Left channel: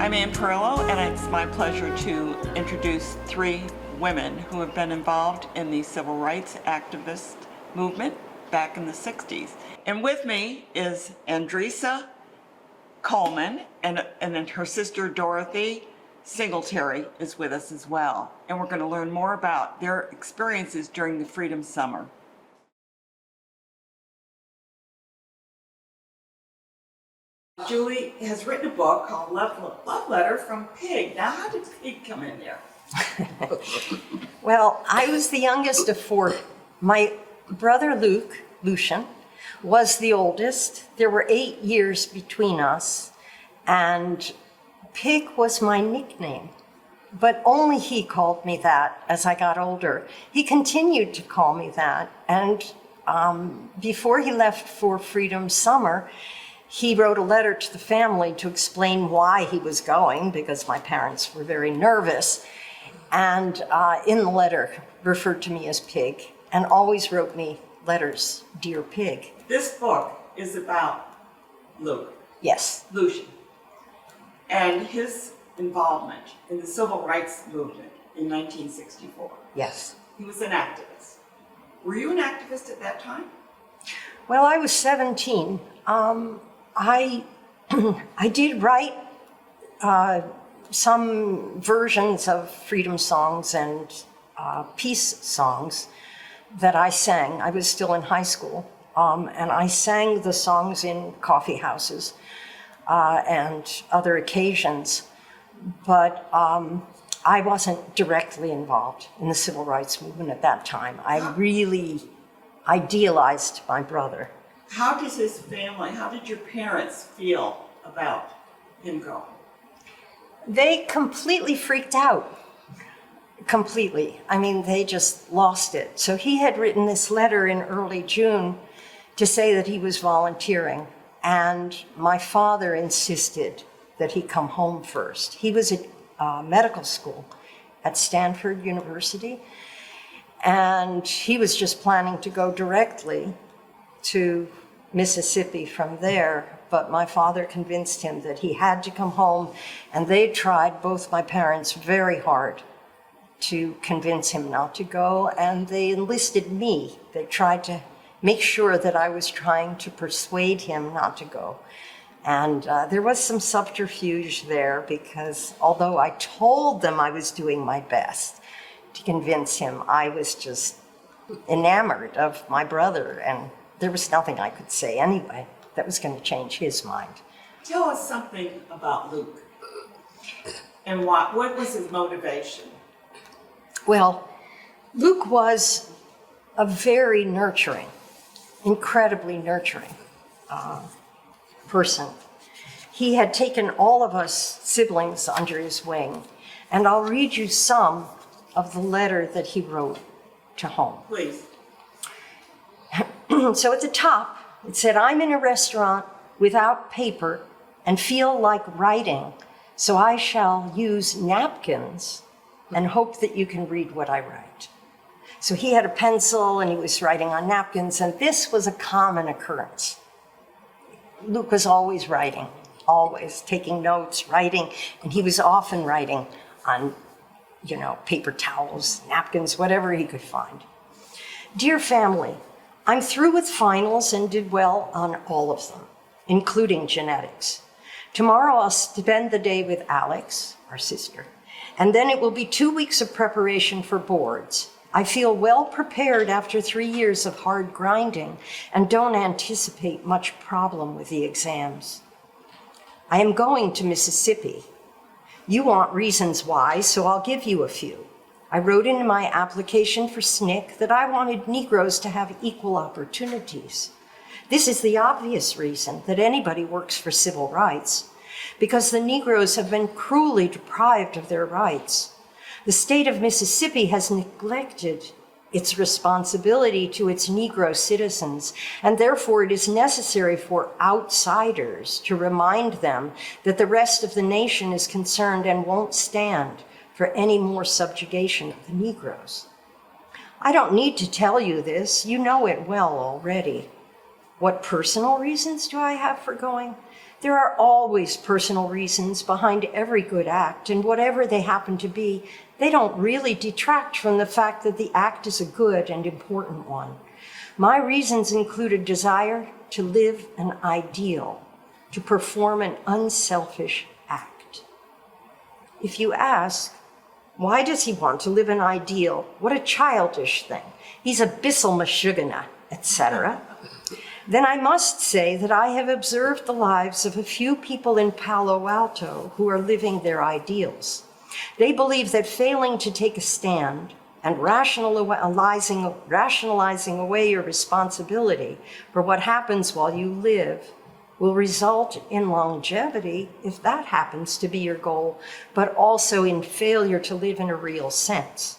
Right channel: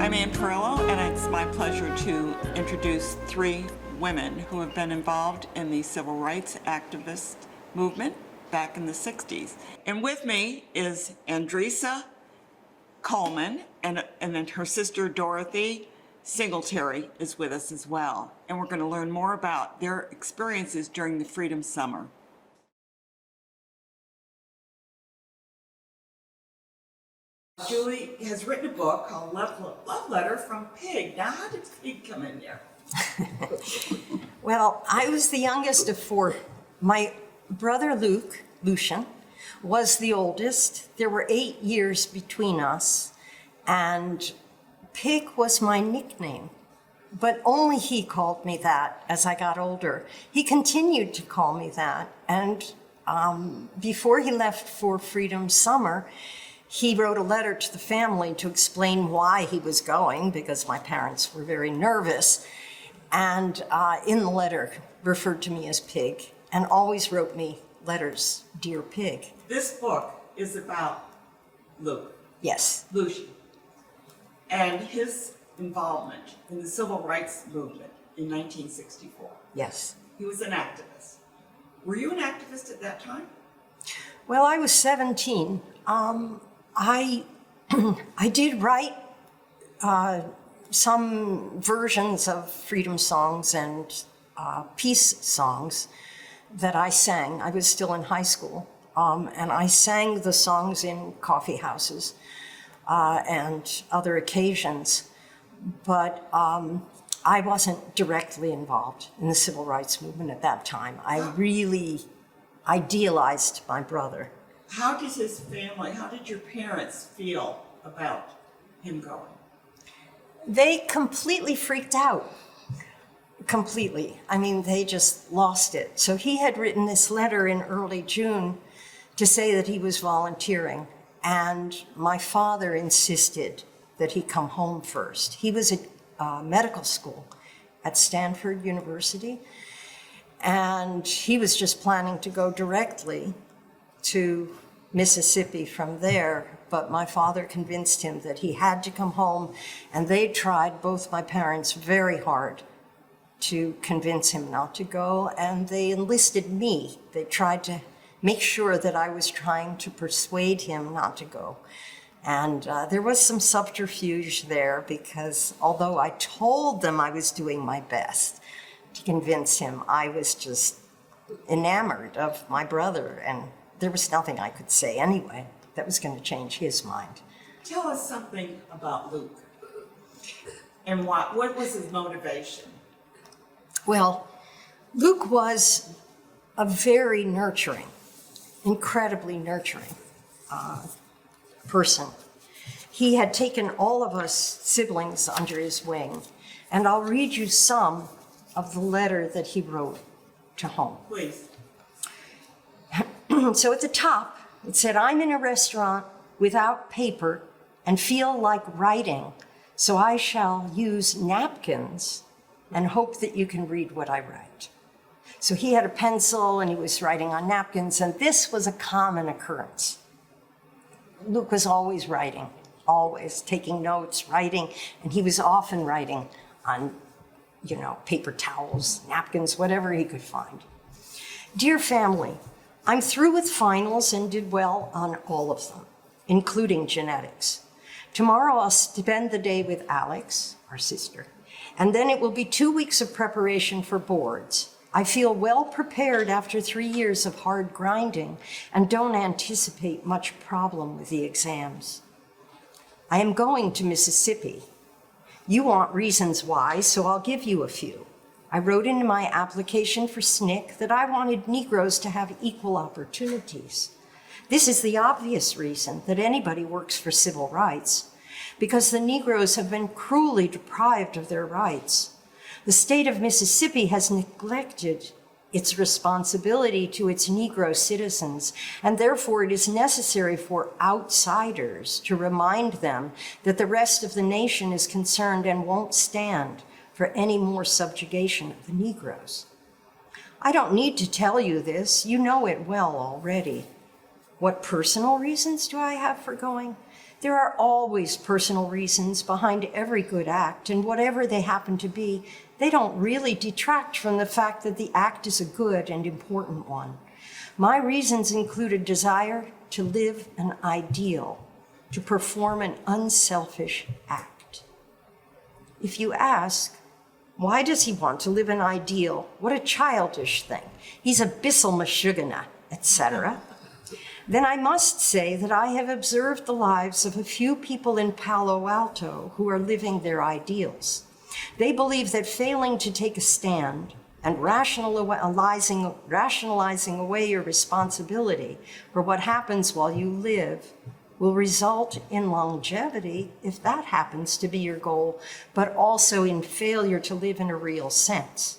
I'm Ann Perillo, and it's my pleasure to introduce three women who have been involved in the civil rights activist movement back in the 60s. And with me is Andresa Coleman, and then her sister Dorothy Singletary is with us as well. And we're going to learn more about their experiences during the Freedom Summer. Julie has written a book called Love Letter from Pig. Now, how did Pig come in there? Well, I was the youngest of four. My brother Lucian, was the oldest. There were 8 years between us, and Pig was my nickname. But only he called me that as I got older. He continued to call me that, and before he left for Freedom Summer, he wrote a letter to the family to explain why he was going, because my parents were very nervous, and in the letter referred to me as Pig, and always wrote me letters, Dear Pig. This book is about Luke. Yes. Lucian. And his involvement in the civil rights movement in 1964. Yes. He was an activist. Were you an activist at that time? Well, I was 17. I did write some versions of freedom songs and peace songs that I sang. I was still in high school, and I sang the songs in coffee houses and other occasions, but I wasn't directly involved in the civil rights movement at that time. I really idealized my brother. How did his family, how did your parents feel about him going? They completely freaked out. Completely. I mean, they just lost it. So he had written this letter in early June to say that he was volunteering, and my father insisted that he come home first. He was at medical school at Stanford University, and he was just planning to go directly to Mississippi from there, but my father convinced him that he had to come home, and they tried, both my parents, very hard to convince him not to go, and they enlisted me. They tried to make sure that I was trying to persuade him not to go. And there was some subterfuge there, because although I told them I was doing my best to convince him, I was just enamored of my brother, and there was nothing I could say anyway that was going to change his mind. Tell us something about Luke, and what was his motivation? Well, Luke was a very nurturing, incredibly nurturing person. He had taken all of us siblings under his wing, and I'll read you some of the letter that he wrote to home. Please. So at the top, it said, I'm in a restaurant without paper and feel like writing, so I shall use napkins and hope that you can read what I write. So he had a pencil and he was writing on napkins, and this was a common occurrence. Luke was always writing, always taking notes, writing, and he was often writing on, paper towels, napkins, whatever he could find. Dear family, I'm through with finals and did well on all of them, including genetics. Tomorrow I'll spend the day with Alex, our sister, and then it will be 2 weeks of preparation for boards. I feel well prepared after 3 years of hard grinding and don't anticipate much problem with the exams. I am going to Mississippi. You want reasons why, so I'll give you a few. I wrote in my application for SNCC that I wanted Negroes to have equal opportunities. This is the obvious reason that anybody works for civil rights, because the Negroes have been cruelly deprived of their rights. The state of Mississippi has neglected its responsibility to its Negro citizens, and therefore it is necessary for outsiders to remind them that the rest of the nation is concerned and won't stand for any more subjugation of the Negroes. I don't need to tell you this, you know it well already. What personal reasons do I have for going? There are always personal reasons behind every good act, and whatever they happen to be, they don't really detract from the fact that the act is a good and important one. My reasons include a desire to live an ideal, to perform an unselfish act. If you ask, why does he want to live an ideal? What a childish thing. He's a bissel mashugana, etc. Then I must say that I have observed the lives of a few people in Palo Alto who are living their ideals. They believe that failing to take a stand and rationalizing away your responsibility for what happens while you live will result in longevity, if that happens to be your goal, but also in failure to live in a real sense.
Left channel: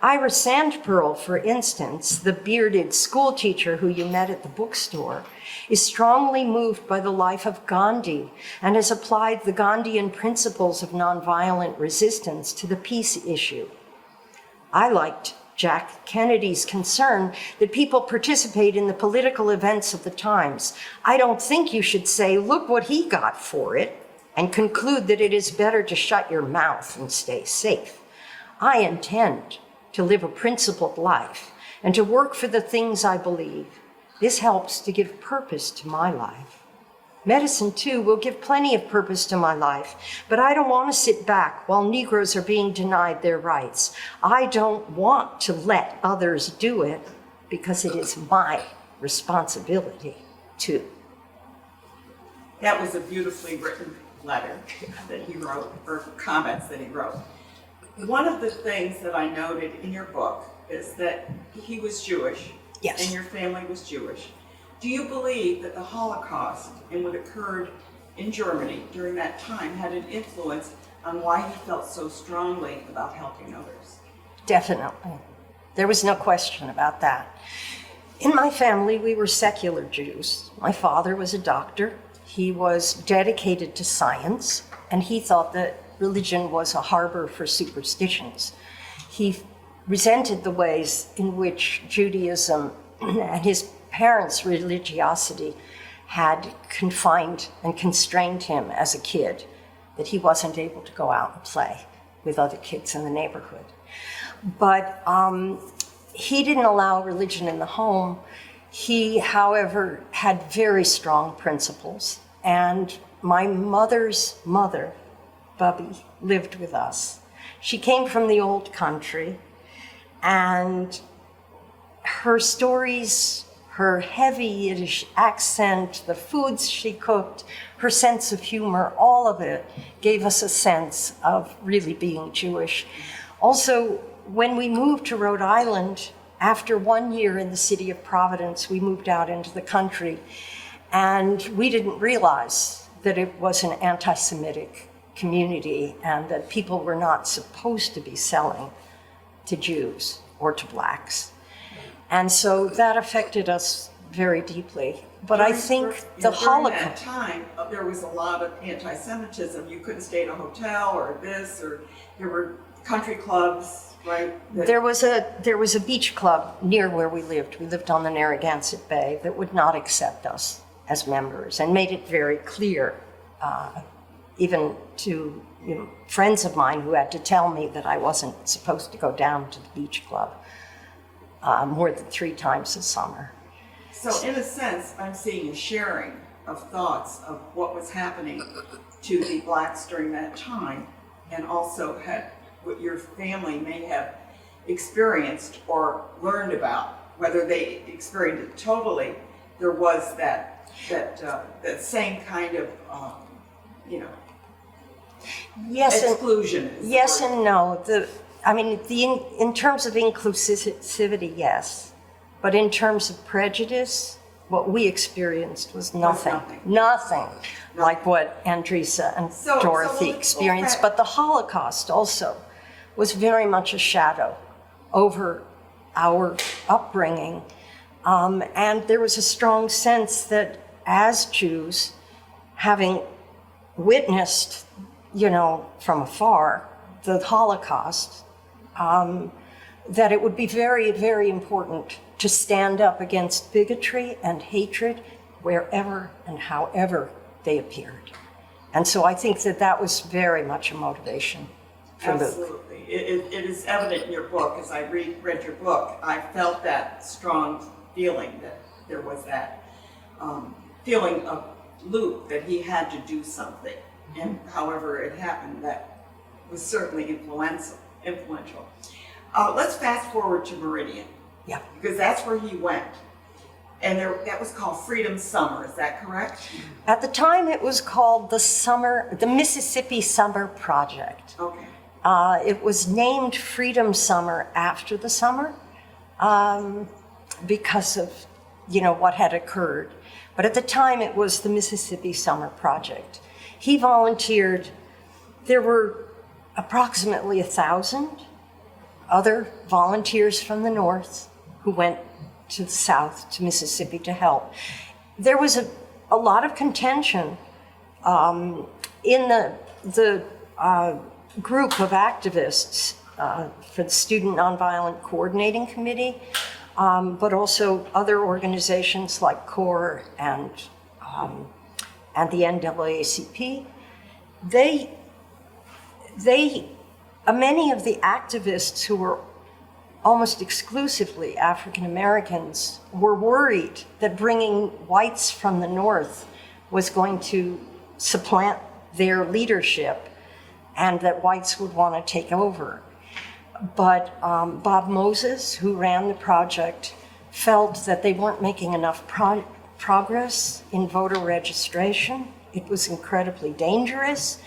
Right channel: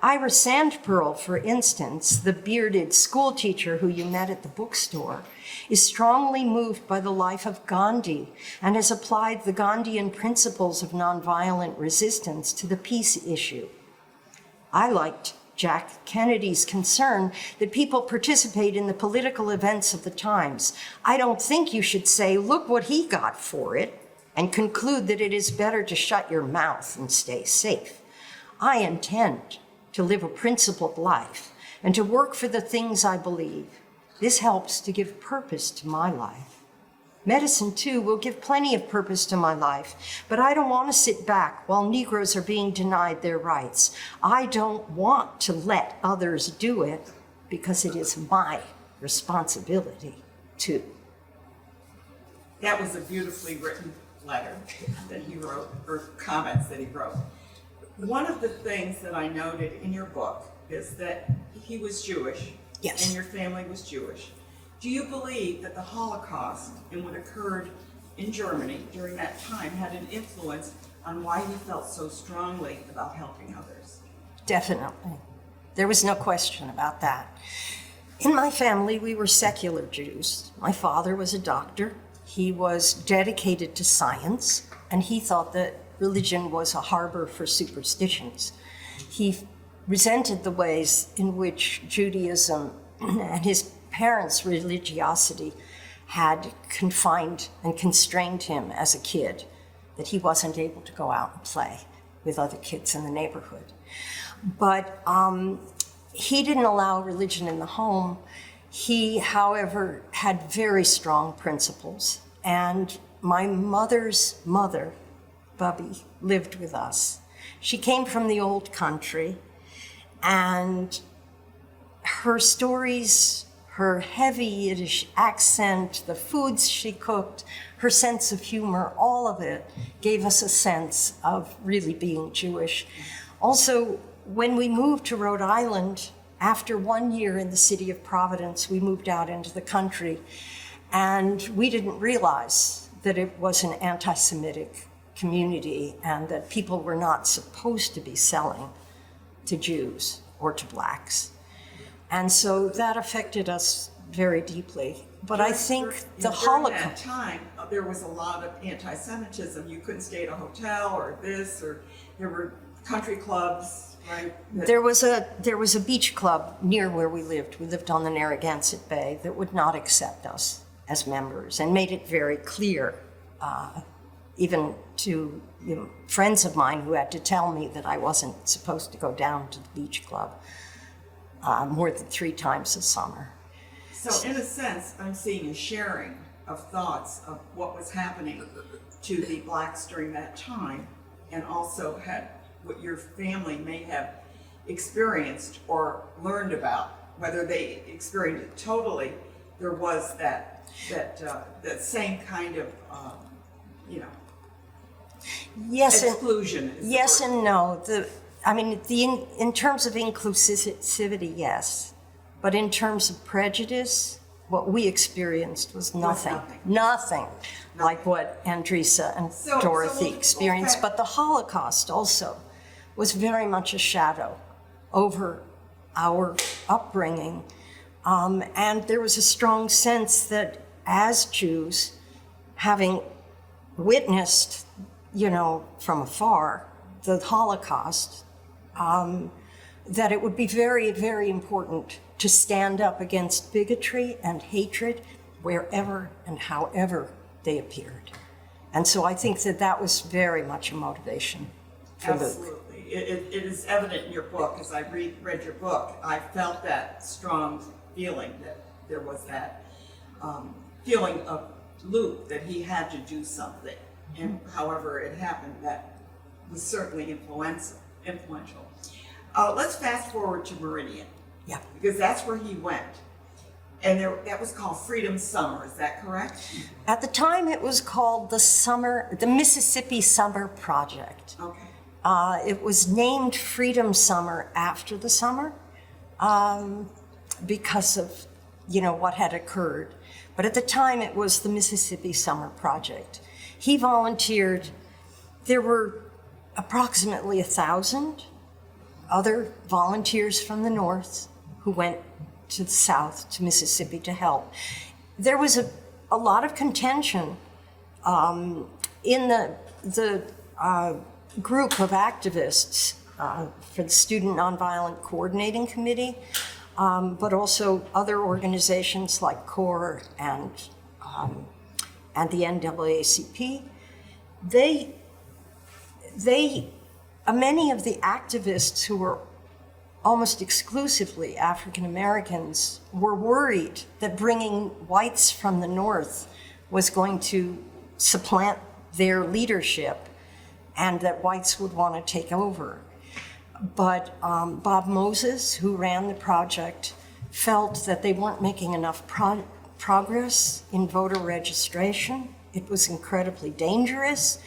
Ira Sandpearl, for instance, the bearded school teacher who you met at the bookstore, is strongly moved by the life of Gandhi and has applied the Gandhian principles of nonviolent resistance to the peace issue. I liked Jack Kennedy's concern that people participate in the political events of the times. I don't think you should say, look what he got for it, and conclude that it is better to shut your mouth and stay safe. I intend to live a principled life and to work for the things I believe. This helps to give purpose to my life. Medicine, too, will give plenty of purpose to my life, but I don't want to sit back while Negroes are being denied their rights. I don't want to let others do it because it is my responsibility too. That was a beautifully written letter that he wrote, or comments that he wrote. One of the things that I noted in your book is that he was Jewish, Yes. and your family was Jewish. Do you believe that the Holocaust and what occurred in Germany during that time had an influence on why he felt so strongly about helping others? Definitely. There was no question about that. In my family, we were secular Jews. My father was a doctor. He was dedicated to science, and he thought that religion was a harbor for superstitions. He resented the ways in which Judaism and his parents' religiosity had confined and constrained him as a kid, that he wasn't able to go out and play with other kids in the neighborhood. But he didn't allow religion in the home. He, however, had very strong principles. And my mother's mother, Bubby, lived with us. She came from the old country, and her stories, her heavy Yiddish accent, the foods she cooked, her sense of humor, all of it gave us a sense of really being Jewish. Also, when we moved to Rhode Island, after 1 year in the city of Providence, we moved out into the country, and we didn't realize that it was an anti-Semitic community and that people were not supposed to be selling to Jews or to blacks. And so that affected us very deeply. But I think the Holocaust... During that time, there was a lot of anti-Semitism. You couldn't stay at a hotel or this, or there were country clubs, right? There was a beach club near where we lived. We lived on the Narragansett Bay that would not accept us as members and made it very clear, even to friends of mine who had to tell me that I wasn't supposed to go down to the beach club more than 3 times a summer. So in a sense, I'm seeing a sharing of thoughts of what was happening to the blacks during that time, and also had what your family may have experienced or learned about. Whether they experienced it totally, there was that same kind of Yes, exclusion. yes and no. In terms of inclusivity, yes. But in terms of prejudice, what we experienced was nothing. Nothing like what Andresa and Dorothy experienced. But the Holocaust also was very much a shadow over our upbringing. And there was a strong sense that as Jews, having witnessed, from afar, the Holocaust, that it would be very, very important to stand up against bigotry and hatred wherever and however they appeared. And so I think that that was very much a motivation for Luke. Absolutely. It is evident in your book. As I read your book, I felt that strong feeling that there was that feeling of Luke that he had to do something. And however it happened, that was certainly influential. Let's fast forward to Meridian. Yeah. Because that's where he went. And that was called Freedom Summer, is that correct? At the time, it was called the Mississippi Summer Project. Okay. It was named Freedom Summer after the summer because of, what had occurred. But at the time, it was the Mississippi Summer Project. He volunteered. There were approximately 1,000 other volunteers from the North who went to the South, to Mississippi, to help. There was a lot of contention in the group of activists for the Student Nonviolent Coordinating Committee, but also other organizations like CORE and the NAACP. Many of the activists who were almost exclusively African Americans were worried that bringing whites from the North was going to supplant their leadership and that whites would want to take over. But Bob Moses, who ran the project, felt that they weren't making enough progress in voter registration. It was incredibly dangerous,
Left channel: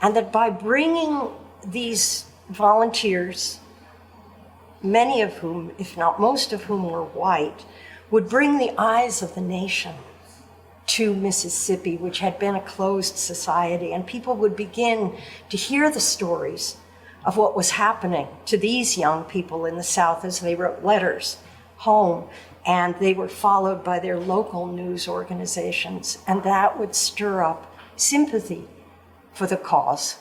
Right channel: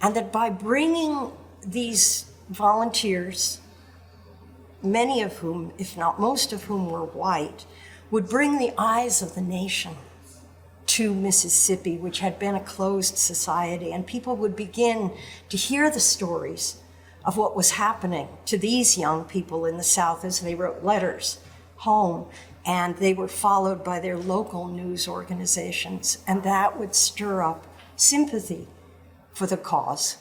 and that by bringing these volunteers, many of whom, if not most of whom, were white, would bring the eyes of the nation to Mississippi, which had been a closed society, and people would begin to hear the stories of what was happening to these young people in the South as they wrote letters home, and they were followed by their local news organizations, and that would stir up sympathy for the cause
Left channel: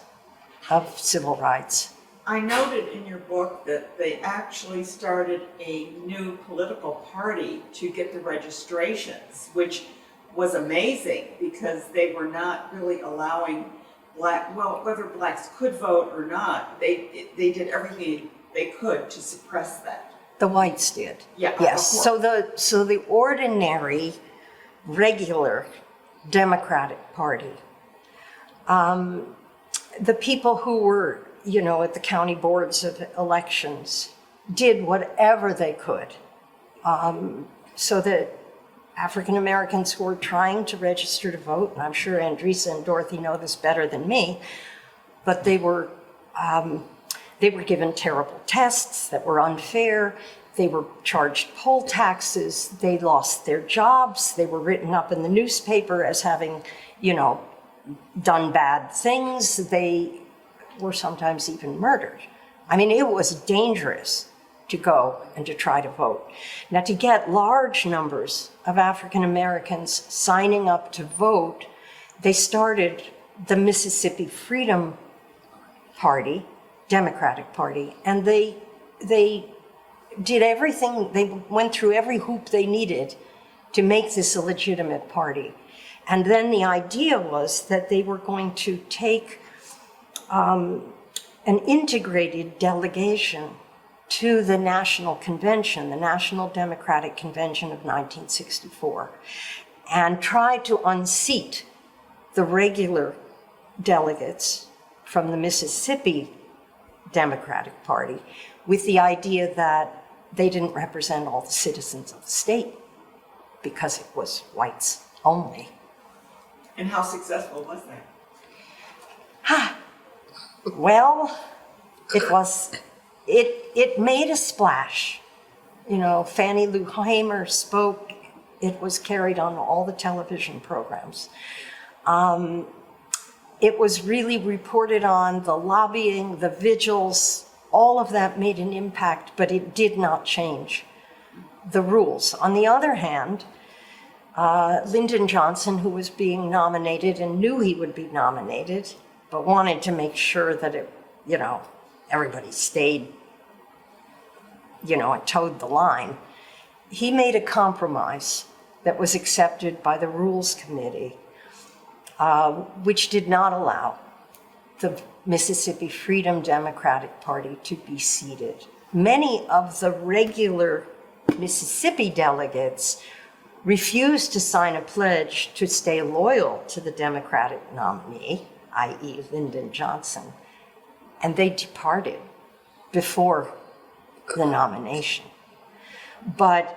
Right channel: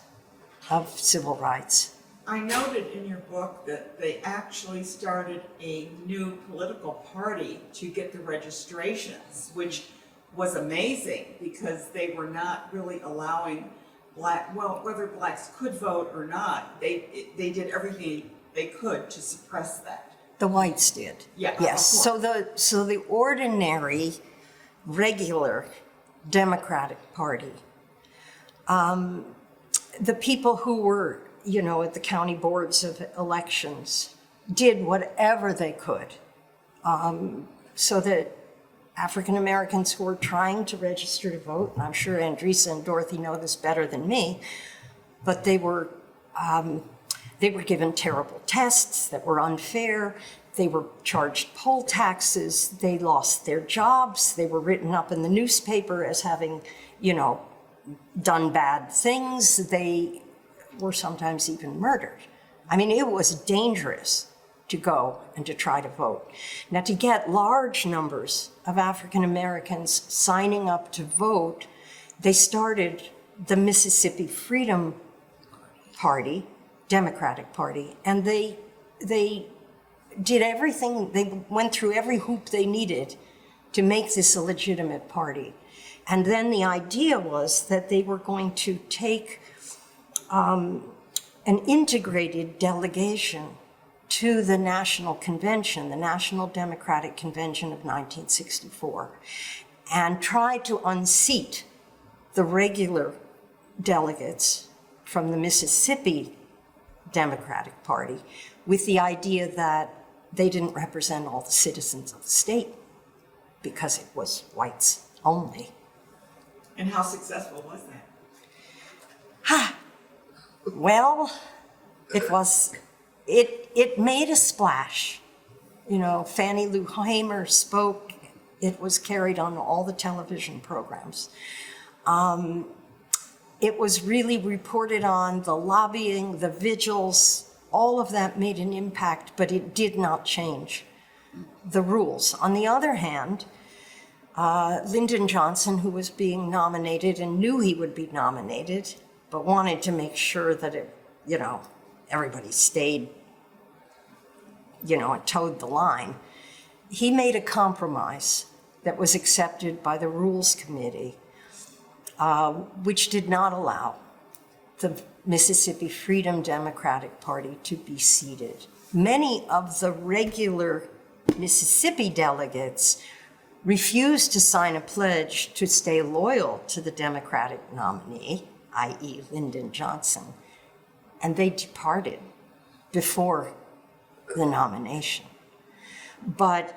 of civil rights. I noted in your book that they actually started a new political party to get the registrations, which was amazing because they were not really allowing whether blacks could vote or not, they did everything they could to suppress that. The whites did. Yeah. Yes. So the ordinary, regular Democratic Party, the people who were, at the county boards of elections, did whatever they could so that African Americans who were trying to register to vote, and I'm sure Andresa and Dorothy know this better than me, but they were given terrible tests that were unfair. They were charged poll taxes. They lost their jobs. They were written up in the newspaper as having, done bad things. They were sometimes even murdered. I mean, it was dangerous to go and to try to vote. Now, to get large numbers of African Americans signing up to vote, they started the Mississippi Freedom Party, Democratic Party, and they did everything, they went through every hoop they needed to make this a legitimate party. And then the idea was that they were going to take an integrated delegation to the National Convention, the National Democratic Convention of 1964, and try to unseat the regular delegates from the Mississippi Democratic Party with the idea that they didn't represent all the citizens of the state because it was whites only. And how successful was that? Well, it made a splash. Fannie Lou Hamer spoke. It was carried on all the television programs. It was really reported on, the lobbying, the vigils, all of that made an impact, but it did not change the rules. On the other hand, Lyndon Johnson, who was being nominated and knew he would be nominated, but wanted to make sure that everybody stayed, and towed the line, he made a compromise that was accepted by the Rules Committee which did not allow the Mississippi Freedom Democratic Party to be seated. Many of the regular Mississippi delegates refused to sign a pledge to stay loyal to the Democratic nominee, i.e. Lyndon Johnson, and they departed before the nomination. But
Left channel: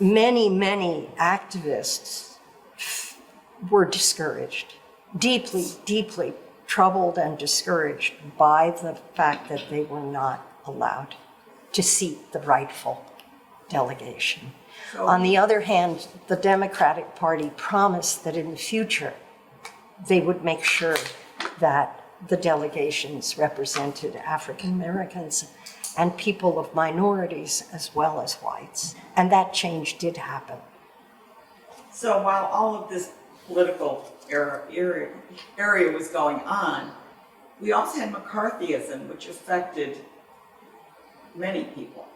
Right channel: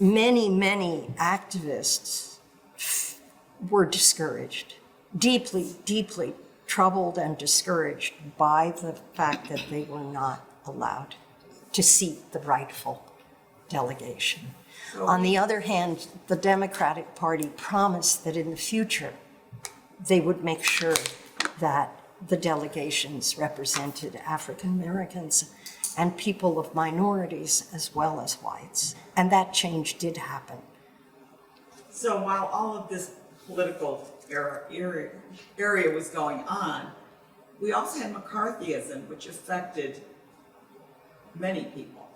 many, many activists were discouraged, deeply, deeply troubled and discouraged by the fact that they were not allowed to seat the rightful delegation. On the other hand, the Democratic Party promised that in the future, they would make sure that the delegations represented African Americans and people of minorities as well as whites. And that change did happen. So while all of this political area was going on, we also had McCarthyism, which affected many people.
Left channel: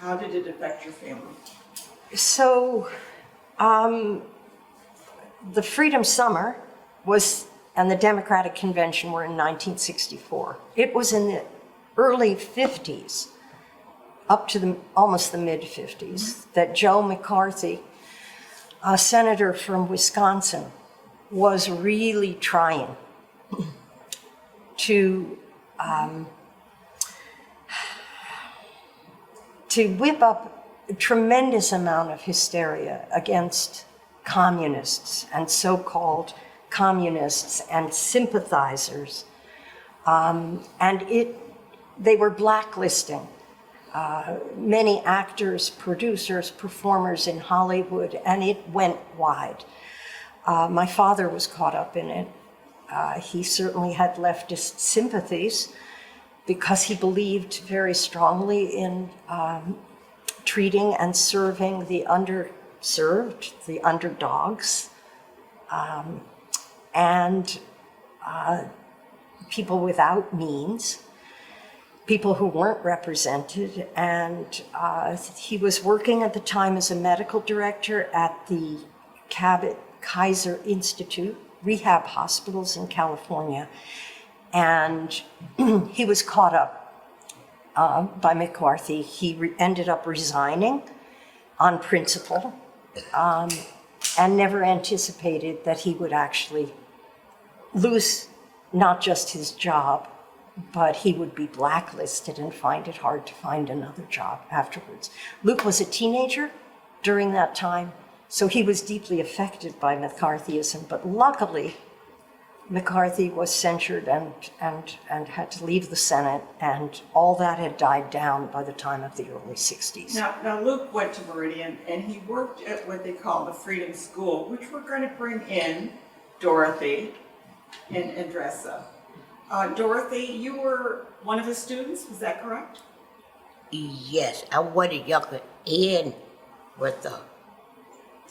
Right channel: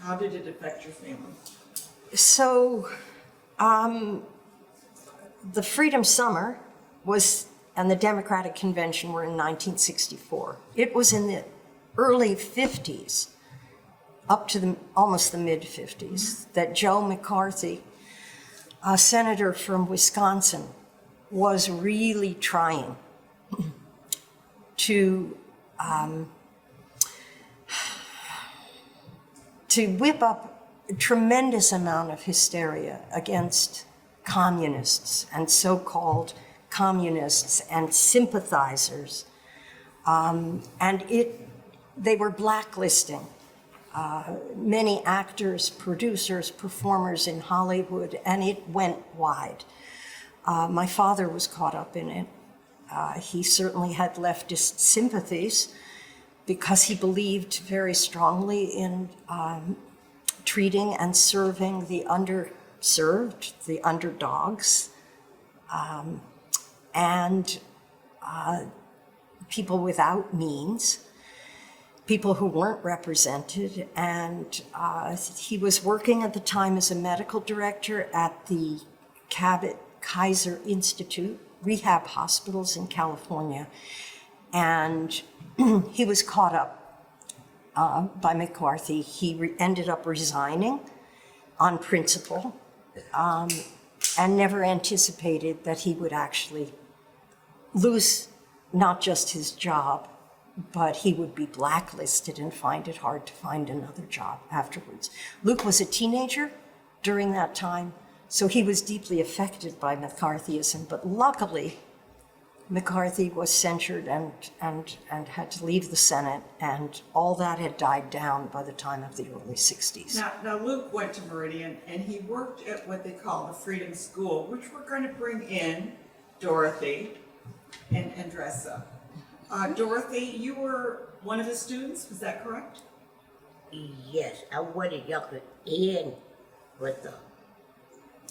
How did it affect your family? So the Freedom Summer and the Democratic Convention were in 1964. It was in the early 50s, up to almost the mid-50s, that Joe McCarthy, a senator from Wisconsin, was really trying to whip up a tremendous amount of hysteria against communists and so-called communists and sympathizers. They were blacklisting many actors, producers, performers in Hollywood, and it went wide. My father was caught up in it. He certainly had leftist sympathies because he believed very strongly in treating and serving the underserved, the underdogs, and people without means, people who weren't represented. And he was working at the time as a medical director at the Kabat Kaiser Institute, rehab hospitals in California. And he was caught up by McCarthy. He ended up resigning on principle and never anticipated that he would actually lose not just his job, but he would be blacklisted and find it hard to find another job afterwards. Luke was a teenager during that time, so he was deeply affected by McCarthyism, but luckily, McCarthy was censured and had to leave the Senate, and all that had died down by the time of the early 60s. Now Luke went to Meridian, and he worked at what they call the Freedom School, which we're going to bring in Dorothy and dress up. Dorothy, you were one of his students, was that correct? Yes, I wanted younger and with the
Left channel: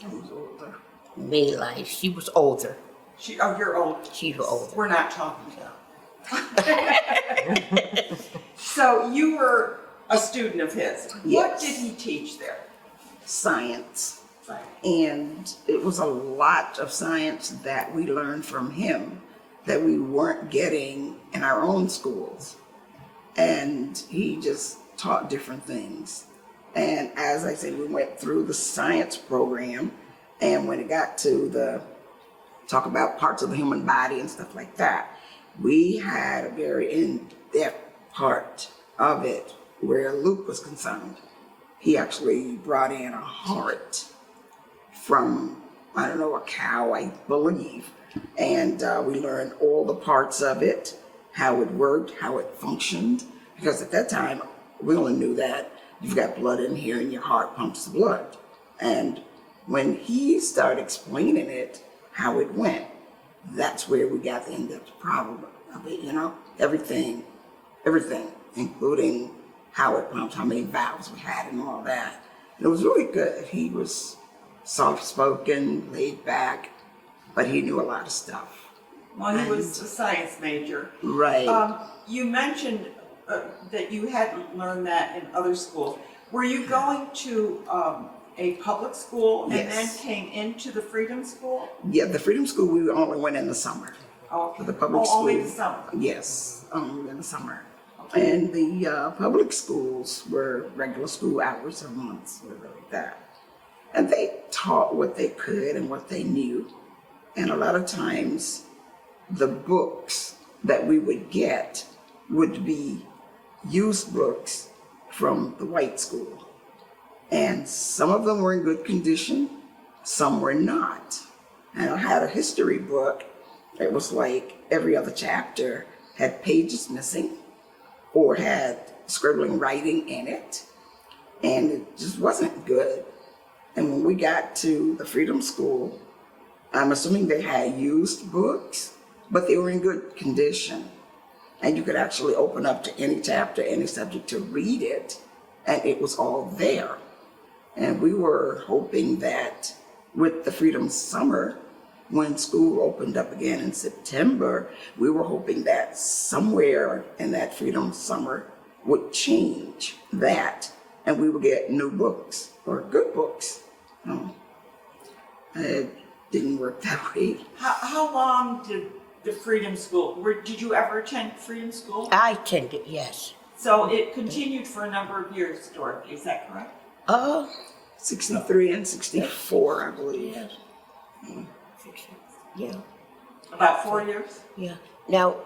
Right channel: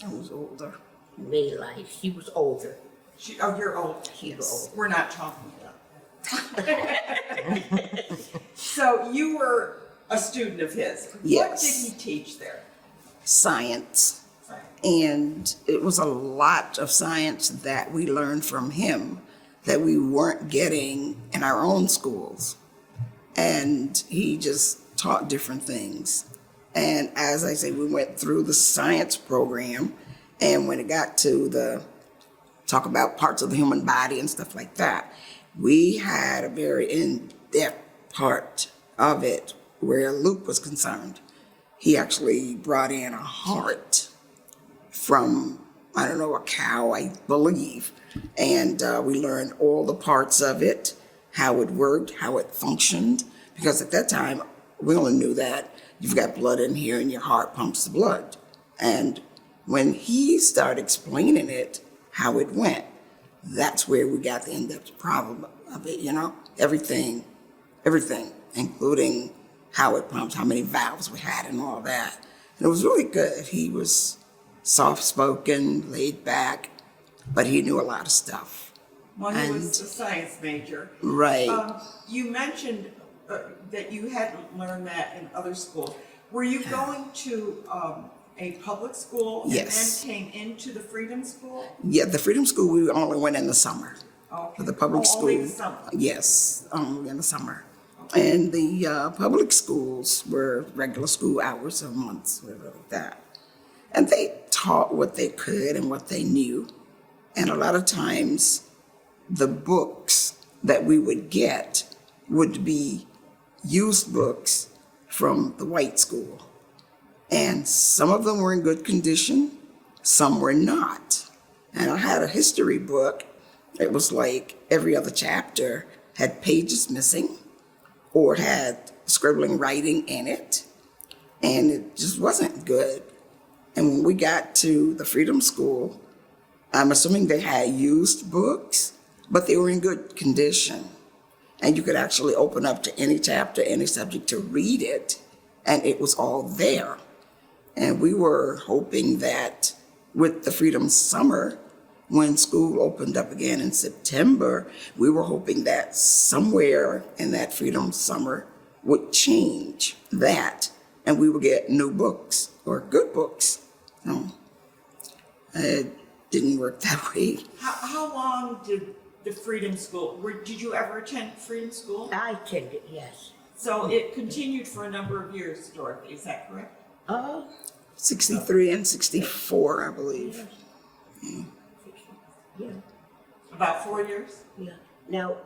I was older. Maylife. She was older. You're old. She was older. We're not talking about. So you were a student of his. Yes. What did he teach there? Science. Science. And it was a lot of science that we learned from him that we weren't getting in our own schools. And he just taught different things. And as I said, we went through the science program, and when it got to talk about parts of the human body and stuff like that, we had a very in-depth part of it where Luke was concerned. He actually brought in a heart from, I don't know, a cow, I believe. And we learned all the parts of it, how it worked, how it functioned. Because at that time, we only knew that you've got blood in here and your heart pumps the blood. And when he started explaining it, how it went, that's where we got the in-depth problem of it, you know? Everything, including how it pumps, how many valves we had and all that. And it was really good. He was soft-spoken, laid back, but he knew a lot of stuff. Well, he was a science major. Right. You mentioned that you hadn't learned that in other schools. Were you going to a public school and then Yes. came into the Freedom School? Yeah, the Freedom School, we only went in the summer. Okay. For the public school. Only the summer? Yes, in the summer. And the public schools were regular school hours of months, whatever like that. And they taught what they could and what they knew. And a lot of times, the books that we would get would be used books from the white school. And some of them were in good condition, some were not. And I had a history book. It was like every other chapter had pages missing or had scribbling writing in it. And it just wasn't good. And when we got to the Freedom School, I'm assuming they had used books, but they were in good condition. And you could actually open up to any chapter, any subject to read it, and it was all there. And we were hoping that with the Freedom Summer, when school opened up again in September, we were hoping that somewhere in that Freedom Summer would change that, and we would get new books or good books. It didn't work that way. How long did the Freedom School, did you ever attend Freedom School? I attended, yes. So it continued for a number of years, Dorothy, is that correct? 63 and 64, I believe. Yeah, About 4 years? yeah. Now,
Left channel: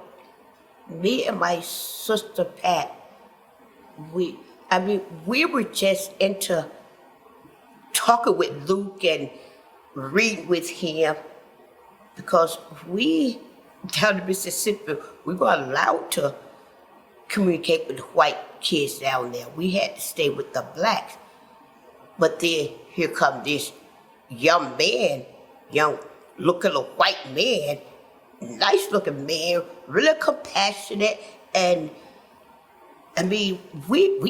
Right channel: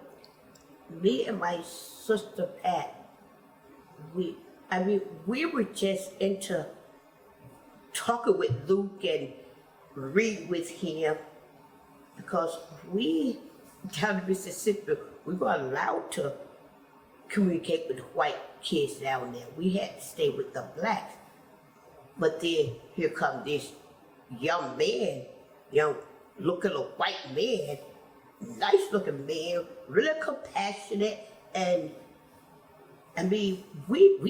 me and my sister Pat, we were just into talking with Luke and reading with him because we, down in Mississippi, we were allowed to communicate with the white kids down there. We had to stay with the blacks. But then here come this young man, young looking a white man, nice looking man, really compassionate, and we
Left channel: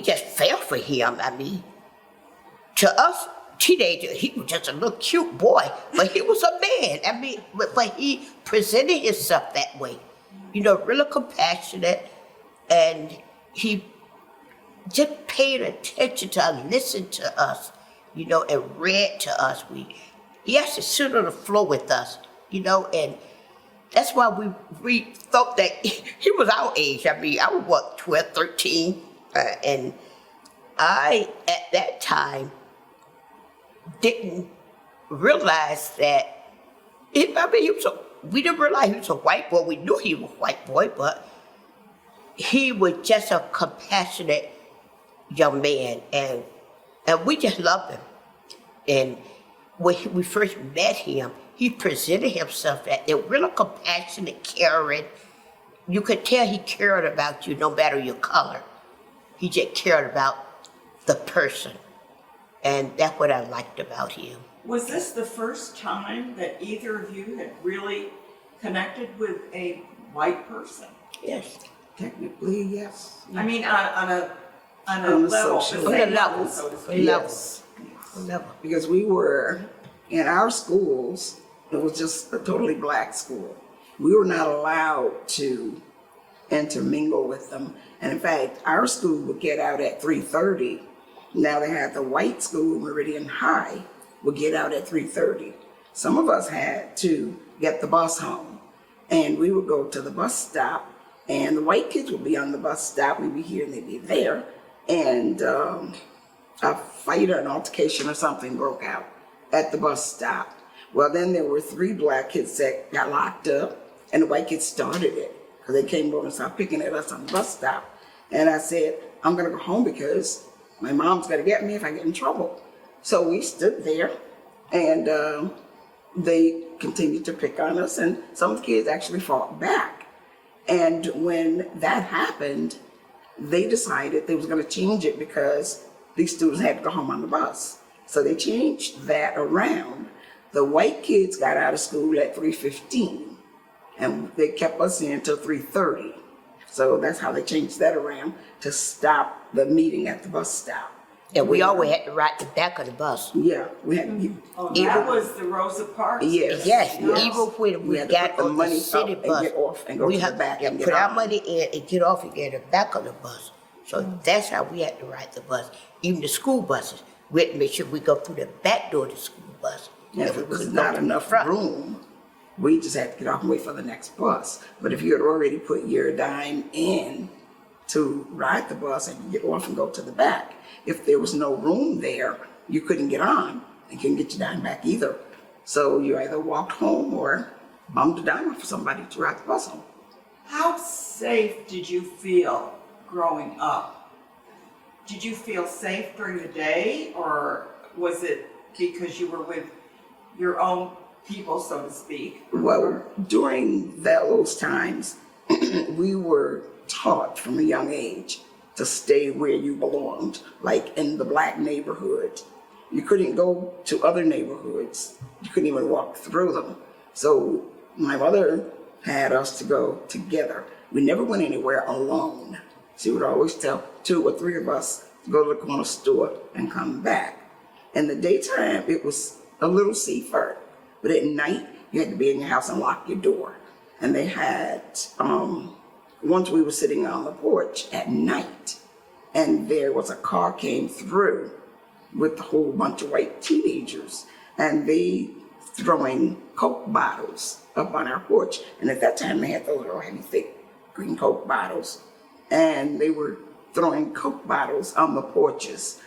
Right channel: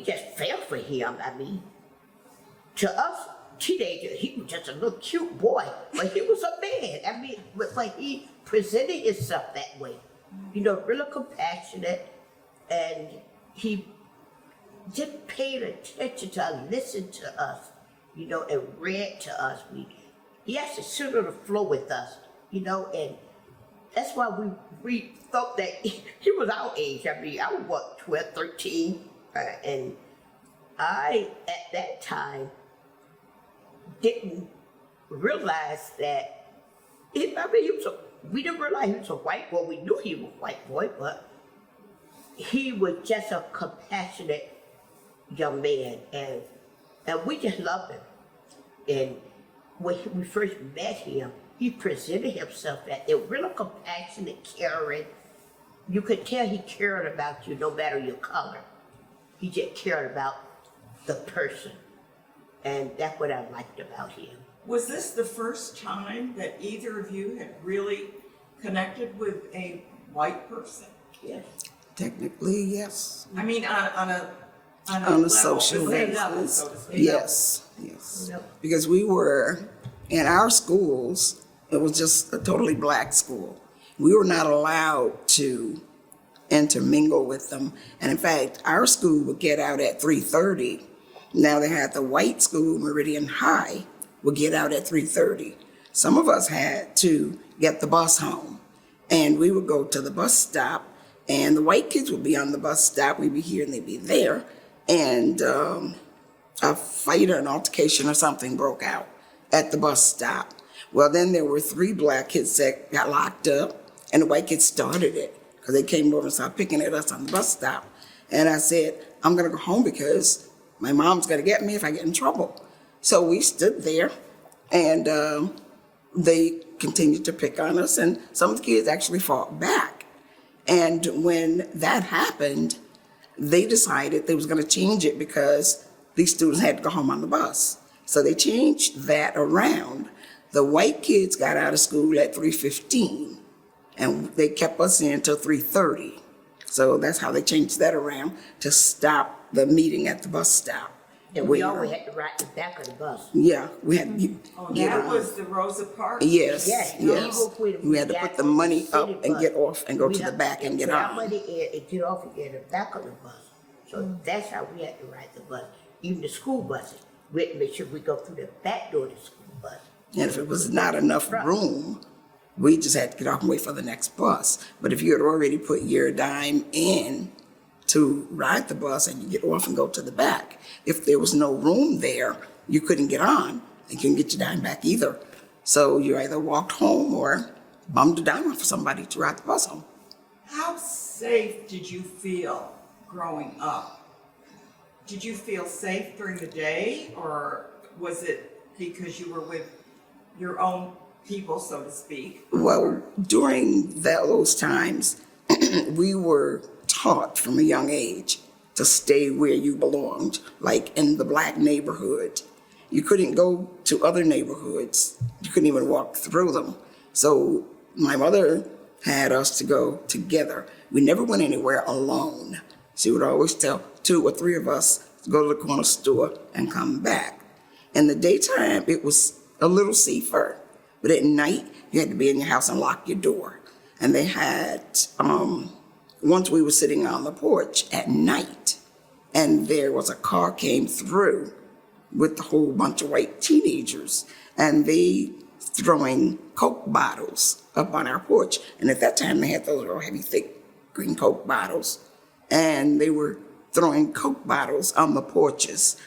just fell for him. To us teenagers, he was just a little cute boy, but he was a man. But he presented himself that way, really compassionate, and he just paid attention to us, listened to us, and read to us. He actually sit on the floor with us, and that's why we thought that he was our age. I was 12, 13, and I, at that time, didn't realize that, we didn't realize he was a white boy. We knew he was a white boy, but he was just a compassionate young man, and we just loved him. And when we first met him, he presented himself as a really compassionate, caring. You could tell he cared about you no matter your color. He just cared about the person. And that's what I liked about him. Was this the first time that either of you had really connected with a white person? Yes. Technically, yes. I mean, on a On a level, social the same level. level, so to speak. Yes. Level. Because we were, in our schools, it was just a totally black school. We were not allowed to intermingle with them. And in fact, our school would get out at 3:30. Now they had the white school, Meridian High, would get out at 3:30. Some of us had to get the bus home. And we would go to the bus stop, and the white kids would be on the bus stop. We'd be here and they'd be there. And a fight or an altercation or something broke out at the bus stop. Well, then there were 3 black kids that got locked up, and the white kids started it because they came over and started picking at us on the bus stop. And I said, I'm going to go home because my mom's going to get me if I get in trouble. So we stood there, and they continued to pick on us, and some of the kids actually fought back. And when that happened, they decided they was going to change it because these students had to go home on the bus. So they changed that around. The white kids got out of school at 3:15, and they kept us in till 3:30. So that's how they changed that around to stop the meeting at the bus stop. And we always had to ride the back of the bus. Yeah, we had. Oh, that was the Rosa Parks? Yes. Yes, yes. even when We we had to got put the on money the up city and bus, get off and go we to the had back and get put our on. money in and get off again at the back of the bus. So that's how we had to ride the bus. Even the school buses, we had to make sure we go through the back door of the school bus. And if We it was couldn't not go through the enough front. room, we just had to get off and wait for the next bus. But if you had already put your dime in to ride the bus and you get off and go to the back, if there was no room there, you couldn't get on and couldn't get your dime back either. So you either walked home or bummed a dime off for somebody to ride the bus home. How safe did you feel growing up? Did you feel safe during the day, or was it because you were with your own people, so to speak? Well, during those times, we were taught from a young age to stay where you belonged, like in the black neighborhood. You couldn't go to other neighborhoods. You couldn't even walk through them. So my mother had us to go together. We never went anywhere alone. She would always tell 2 or 3 of us to go to the corner store and come back. In the daytime, it was a little safer, but at night, you had to be in your house and lock your door. And they had, once we were sitting on the porch at night, and there was a car came through with a whole bunch of white teenagers, and they throwing Coke bottles up on our porch. And at that time, they had those little heavy, thick green Coke bottles, and they were throwing Coke bottles on the porches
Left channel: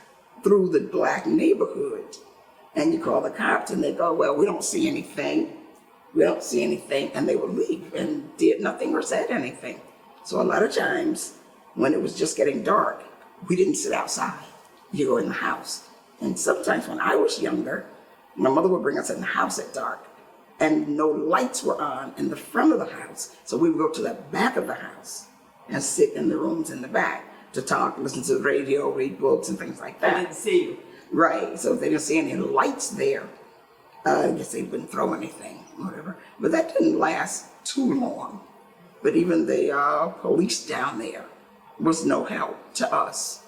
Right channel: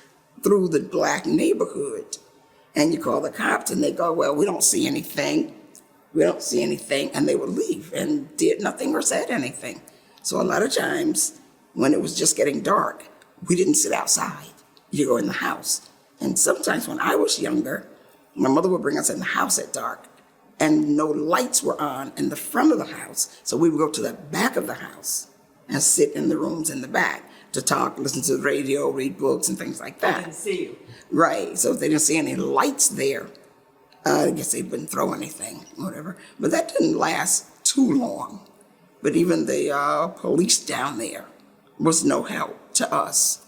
through the black neighborhood. And you call the cops, and they go, well, we don't see anything. We don't see anything. And they would leave and did nothing or said anything. So a lot of times, when it was just getting dark, we didn't sit outside. You go in the house. And sometimes when I was younger, my mother would bring us in the house at dark, and no lights were on in the front of the house. So we would go to the back of the house and sit in the rooms in the back to talk, listen to the radio, read books, and things like I that. didn't see you. Right, so if they didn't see any lights there, I guess they wouldn't throw anything, whatever. But that didn't last too long. But even the police down there was no help to us.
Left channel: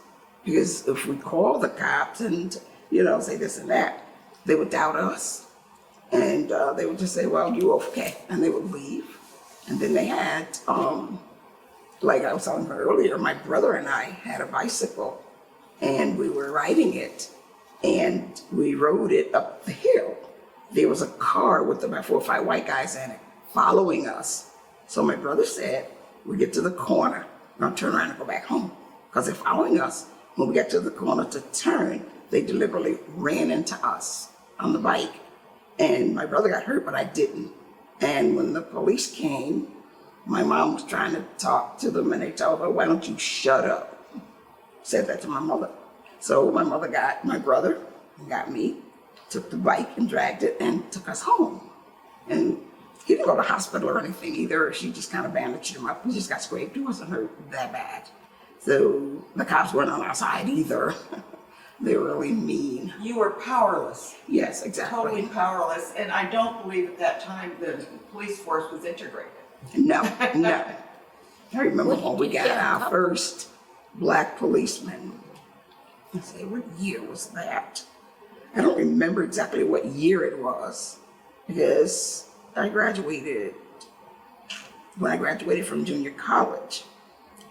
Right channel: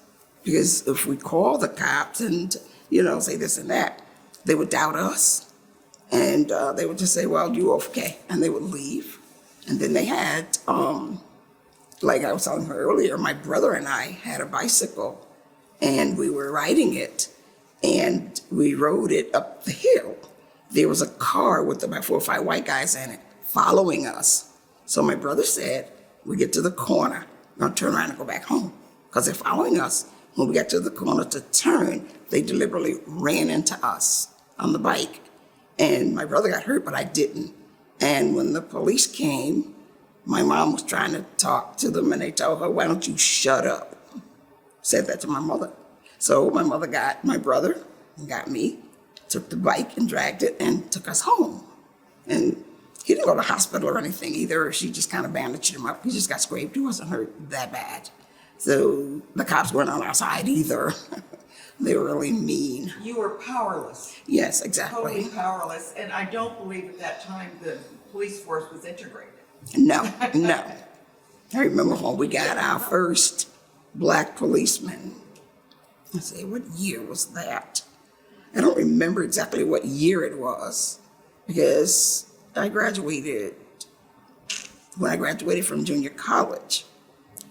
Because if we called the cops and, say this and that, they would doubt us. And they would just say, well, you okay? And they would leave. And then they had, like I was telling her earlier, my brother and I had a bicycle, and we were riding it. And we rode it up the hill. There was a car with about 4 or 5 white guys in it following us. So my brother said, we get to the corner, we're gonna turn around and go back home. Because they're following us. When we got to the corner to turn, they deliberately ran into us on the bike. And my brother got hurt, but I didn't. And when the police came, my mom was trying to talk to them, and they told her, why don't you shut up? Said that to my mother. So my mother got my brother and got me, took the bike and dragged it and took us home. And he didn't go to the hospital or anything either. She just kind of bandaged him up. He just got scraped. He wasn't hurt that bad. So the cops weren't on our side either. They were really mean. You were powerless. Yes, exactly. Totally powerless. And I don't believe at that time the police force was integrated. No. I remember when we got our first black policeman. I say, what year was that? I don't remember exactly what year it was, because when I graduated from junior college,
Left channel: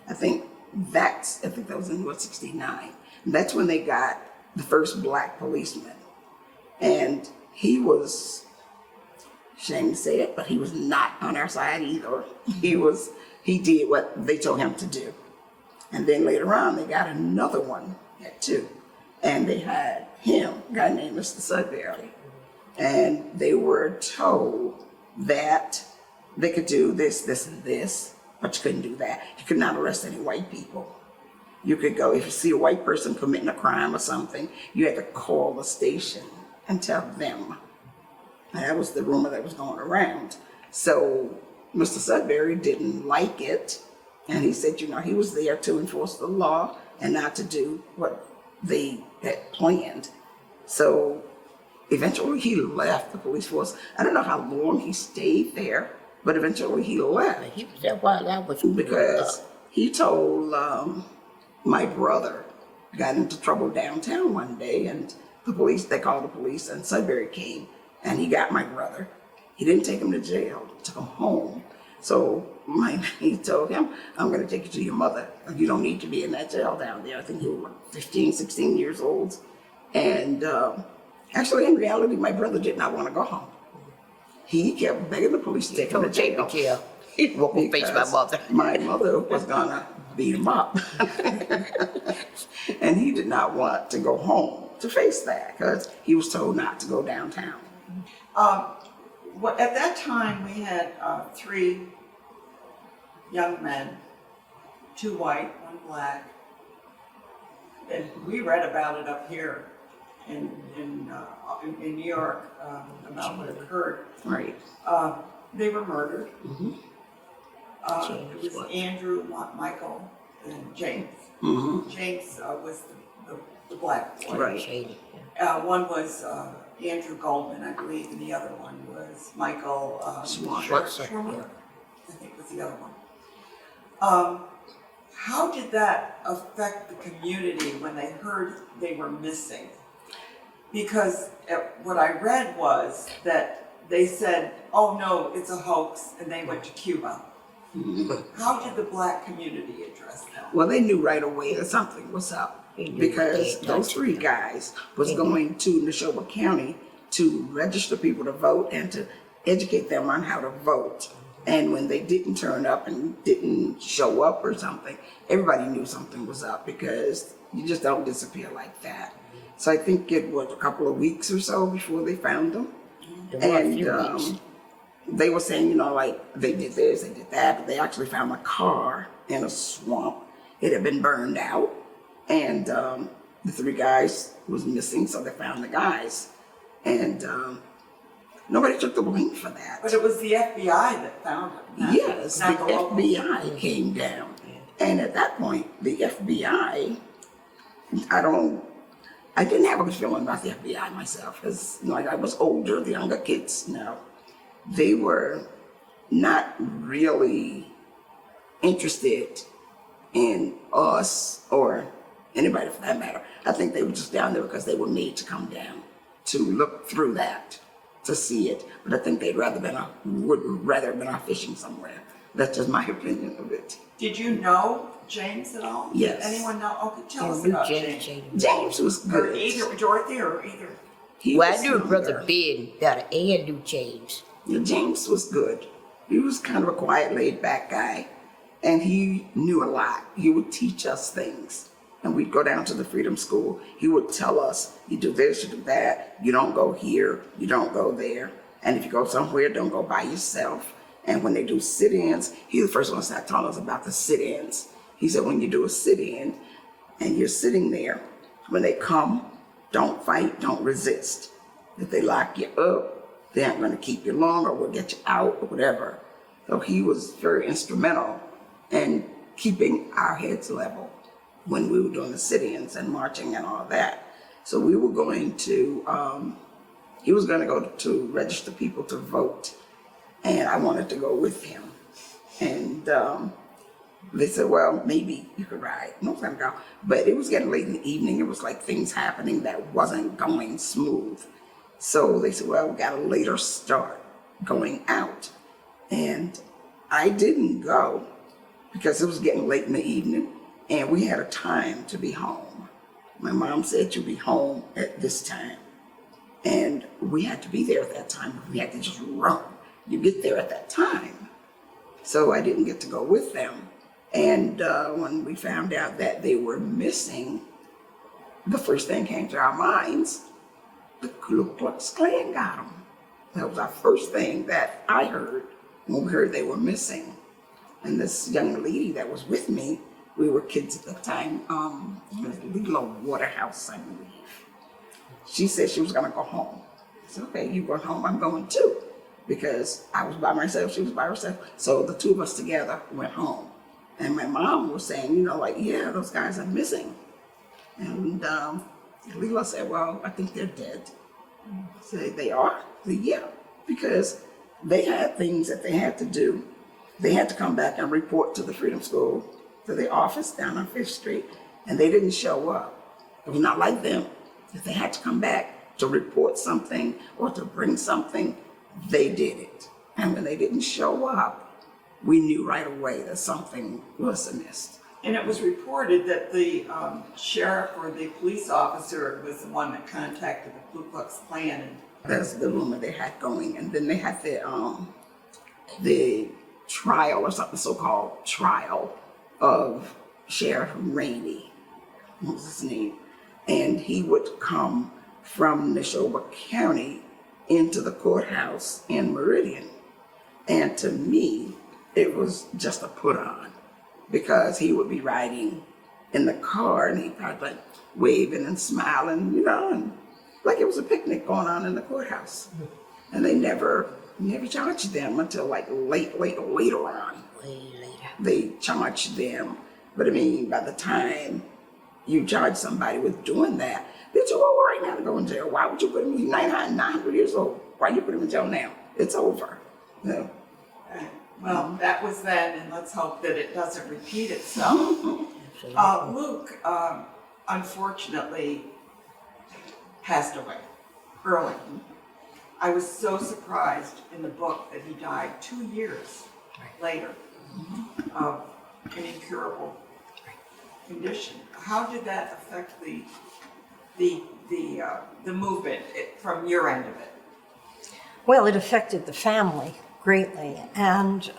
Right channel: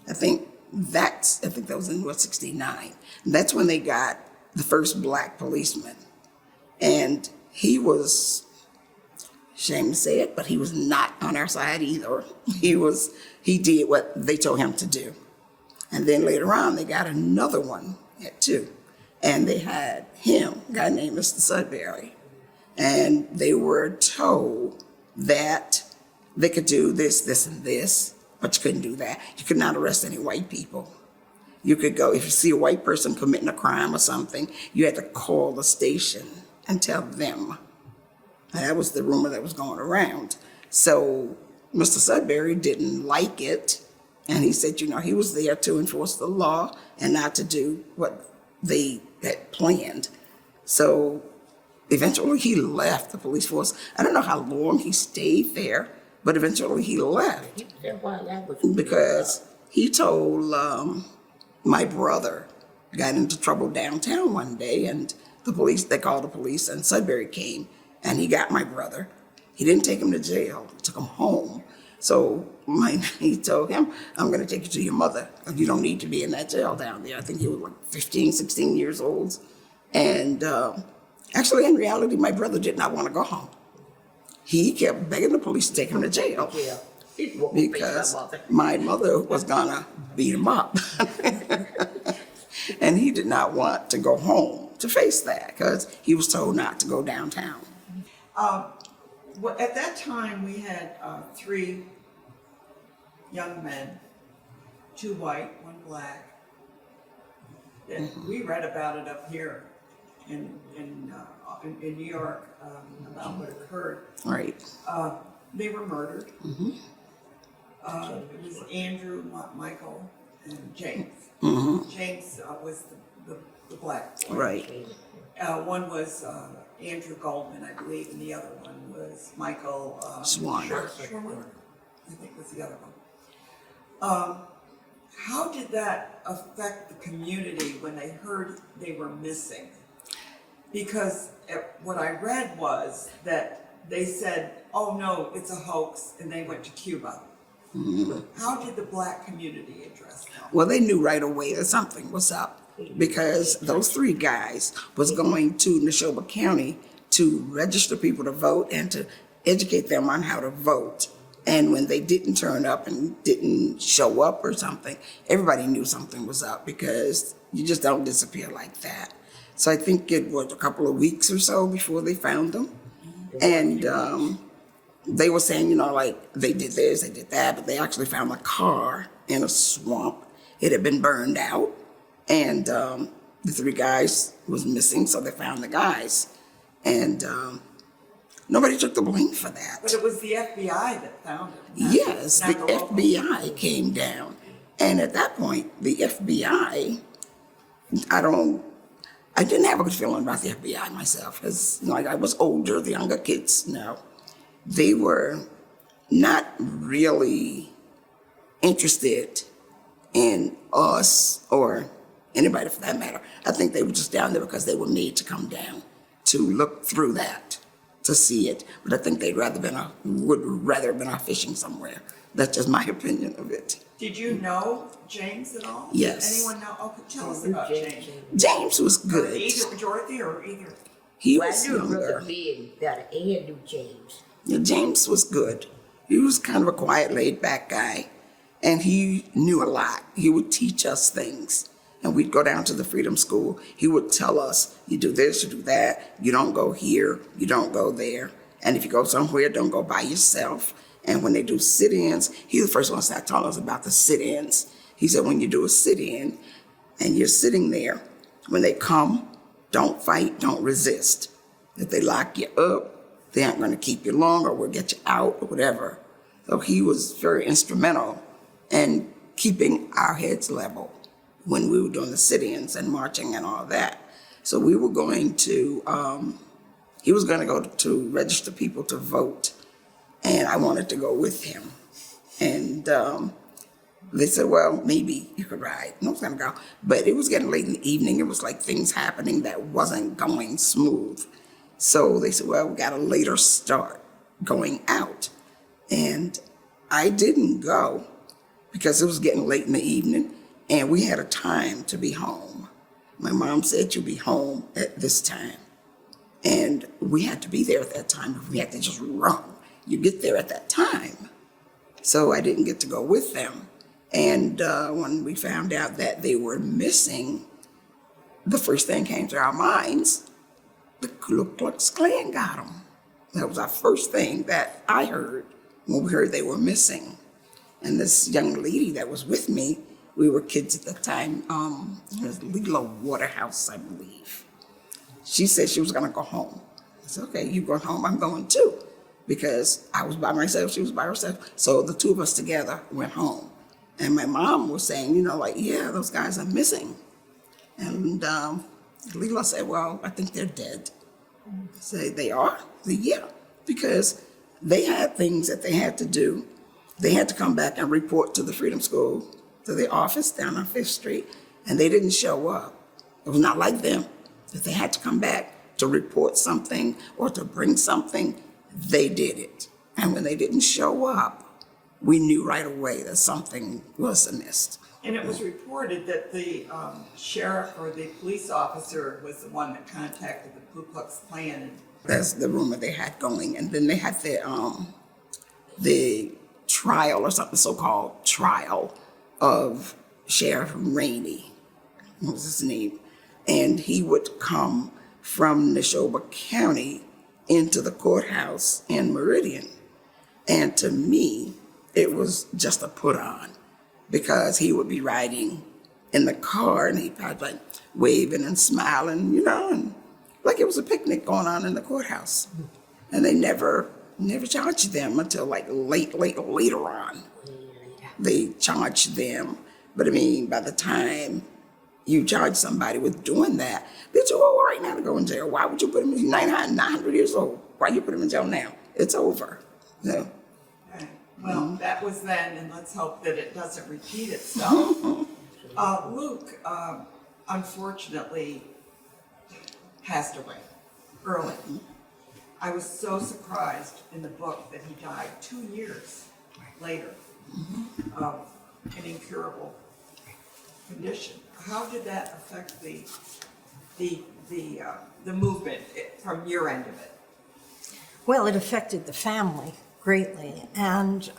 I think that was in 69. That's when they got the first black policeman. And he was, shame to say it, but he was not on our side either. He did what they told him to do. And then later on, they got another one at 2. And they had him, a guy named Mr. Sudbury. And they were told that they could do this, this, and this, but you couldn't do that. You could not arrest any white people. You could go, if you see a white person committing a crime or something, you had to call the station and tell them. And that was the rumor that was going around. So Mr. Sudbury didn't like it. And he said, he was there to enforce the law and not to do what they had planned. So eventually he left the police force. I don't know how long he stayed there, but eventually he left. He was there while I was Because he told my brother got into trouble downtown one day, and they called the police, and Sudbury came, and he got my brother. He didn't take him to jail, he took him home. So he told him, I'm going to take you to your mother. You don't need to be in that jail down there. I think he was like 15, 16 years old. And actually, in reality, my brother did not want to go home. He kept begging the police to take him to jail. Yeah. He won't face my Because mother. my mother was gonna beat him up. And he did not want to go home to face that because he was told not to go downtown. At that time, we had 3 young men, 2 white, 1 black. And we read about it up here in New York about what occurred. Right. They were murdered. It was Andrew, Michael, and James. James was the black boy. Right. One was Andrew Goldman, I believe, and the other one was Michael Swan. Sherman, I think was the other one. How did that affect the community when they heard they were missing? Because what I read was that they said, oh no, it's a hoax, and they went to Cuba. How did the black community address that? Well, they knew right away that something was up because those 3 guys was going to Neshoba County to register people to vote and to educate them on how to vote. And when they didn't turn up and didn't show up or something, everybody knew something was up because you just don't disappear like that. So I think it was a couple of weeks or so before they found them. And they were saying, like they did this, they did that, but they actually found a car in a swamp. It had been burned out, and the 3 guys was missing, so they found the guys. And nobody took the blame for that. But it was the FBI that found them. Yes, the FBI came down. And at that point, the FBI, I didn't have a good feeling about the FBI myself, because I was older, the younger kids now. They were not really interested in us or anybody for that matter. I think they were just down there because they were made to come down to look through that, to see it. But I think would rather have been out fishing somewhere. That's just my opinion of it. Did you know James at all? Yes. Did anyone know? Okay, tell us about James. James was Or good. either Dorothy or either. He Well, was I knew Brother younger. Ben better and knew James. Yeah, James was good. He was kind of a quiet, laid-back guy, and he knew a lot. He would teach us things, and we'd go down to the Freedom School. He would tell us, you do this, you do that, you don't go here, you don't go there, and if you go somewhere, don't go by yourself. And when they do sit-ins, he's the first one to start telling us about the sit-ins. He said, when you do a sit-in, and you're sitting there, when they come, don't fight, don't resist. If they lock you up, they aren't going to keep you long or will get you out or whatever. So he was very instrumental in keeping our heads level when we were doing the sit-ins and marching and all that. So we were going to, he was going to go to register people to vote, and I wanted to go with him. And they said, well, maybe you could ride. I was going to go. But it was getting late in the evening. It was like things happening that wasn't going smooth. So they said, well, we got a later start going out. And I didn't go because it was getting late in the evening and we had a time to be home. My mom said, you'll be home at this time. And we had to be there at that time. We had to just run. You get there at that time. So I didn't get to go with them. And when we found out that they were missing, the first thing came to our minds, the Ku Klux Klan got them. That was our first thing that I heard when we heard they were missing. And this young lady that was with me, we were kids at the time, it was Lila Waterhouse, I believe. She said she was gonna go home. I said, okay, you going home, I'm going too. Because I was by myself, she was by herself. So the 2 of us together went home. And my mom was saying, yeah, those guys are missing. And Lila said, well, I think they're dead. I said, they are? I said, yeah, because they had things that they had to do. They had to come back and report to the Freedom School, to the office down on 5th Street, and they didn't show up. It was not like them. If they had to come back to report something or to bring something, they did it. And when they didn't show up, we knew right away that something was amiss. And it was reported that the sheriff or the police officer was the one that contacted the Ku Klux Klan. And That's the rumor they had going. And then they had the trial or something, so-called trial of Sheriff Rainey. What was his name? And he would come from Neshoba County into the courthouse in Meridian. And to me, it was just a put on, because he would be riding in the car and he'd probably like waving and smiling, you know, and like it was a picnic going on in the courthouse. And they never charged them until like later on. They charged them. But I mean, by the time you charge somebody with doing that, they're too old right now to go in jail. Why would you put them in 900 years old? Why you put them in jail now? It's over. Yeah. right. Well, that was then, and let's hope that it doesn't repeat itself. Luke, unfortunately, passed away early. I was so surprised in the book that he died 2 years later of an incurable condition. How did that affect the movement from your end of it? Well, it affected the family greatly. And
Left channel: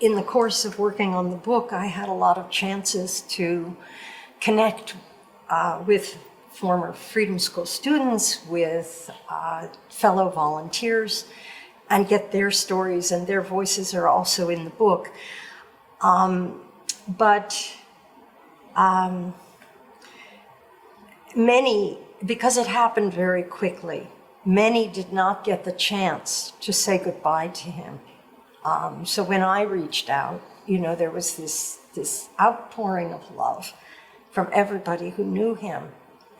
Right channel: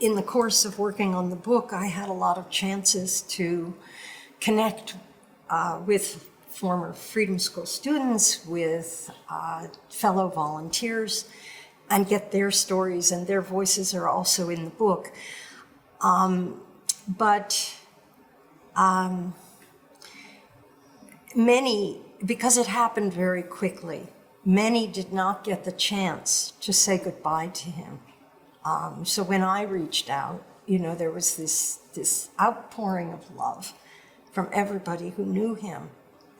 in the course of working on the book, I had a lot of chances to connect with former Freedom School students, with fellow volunteers, and get their stories, and their voices are also in the book. But many, because it happened very quickly, many did not get the chance to say goodbye to him. So when I reached out, you know, there was this outpouring of love from everybody who knew him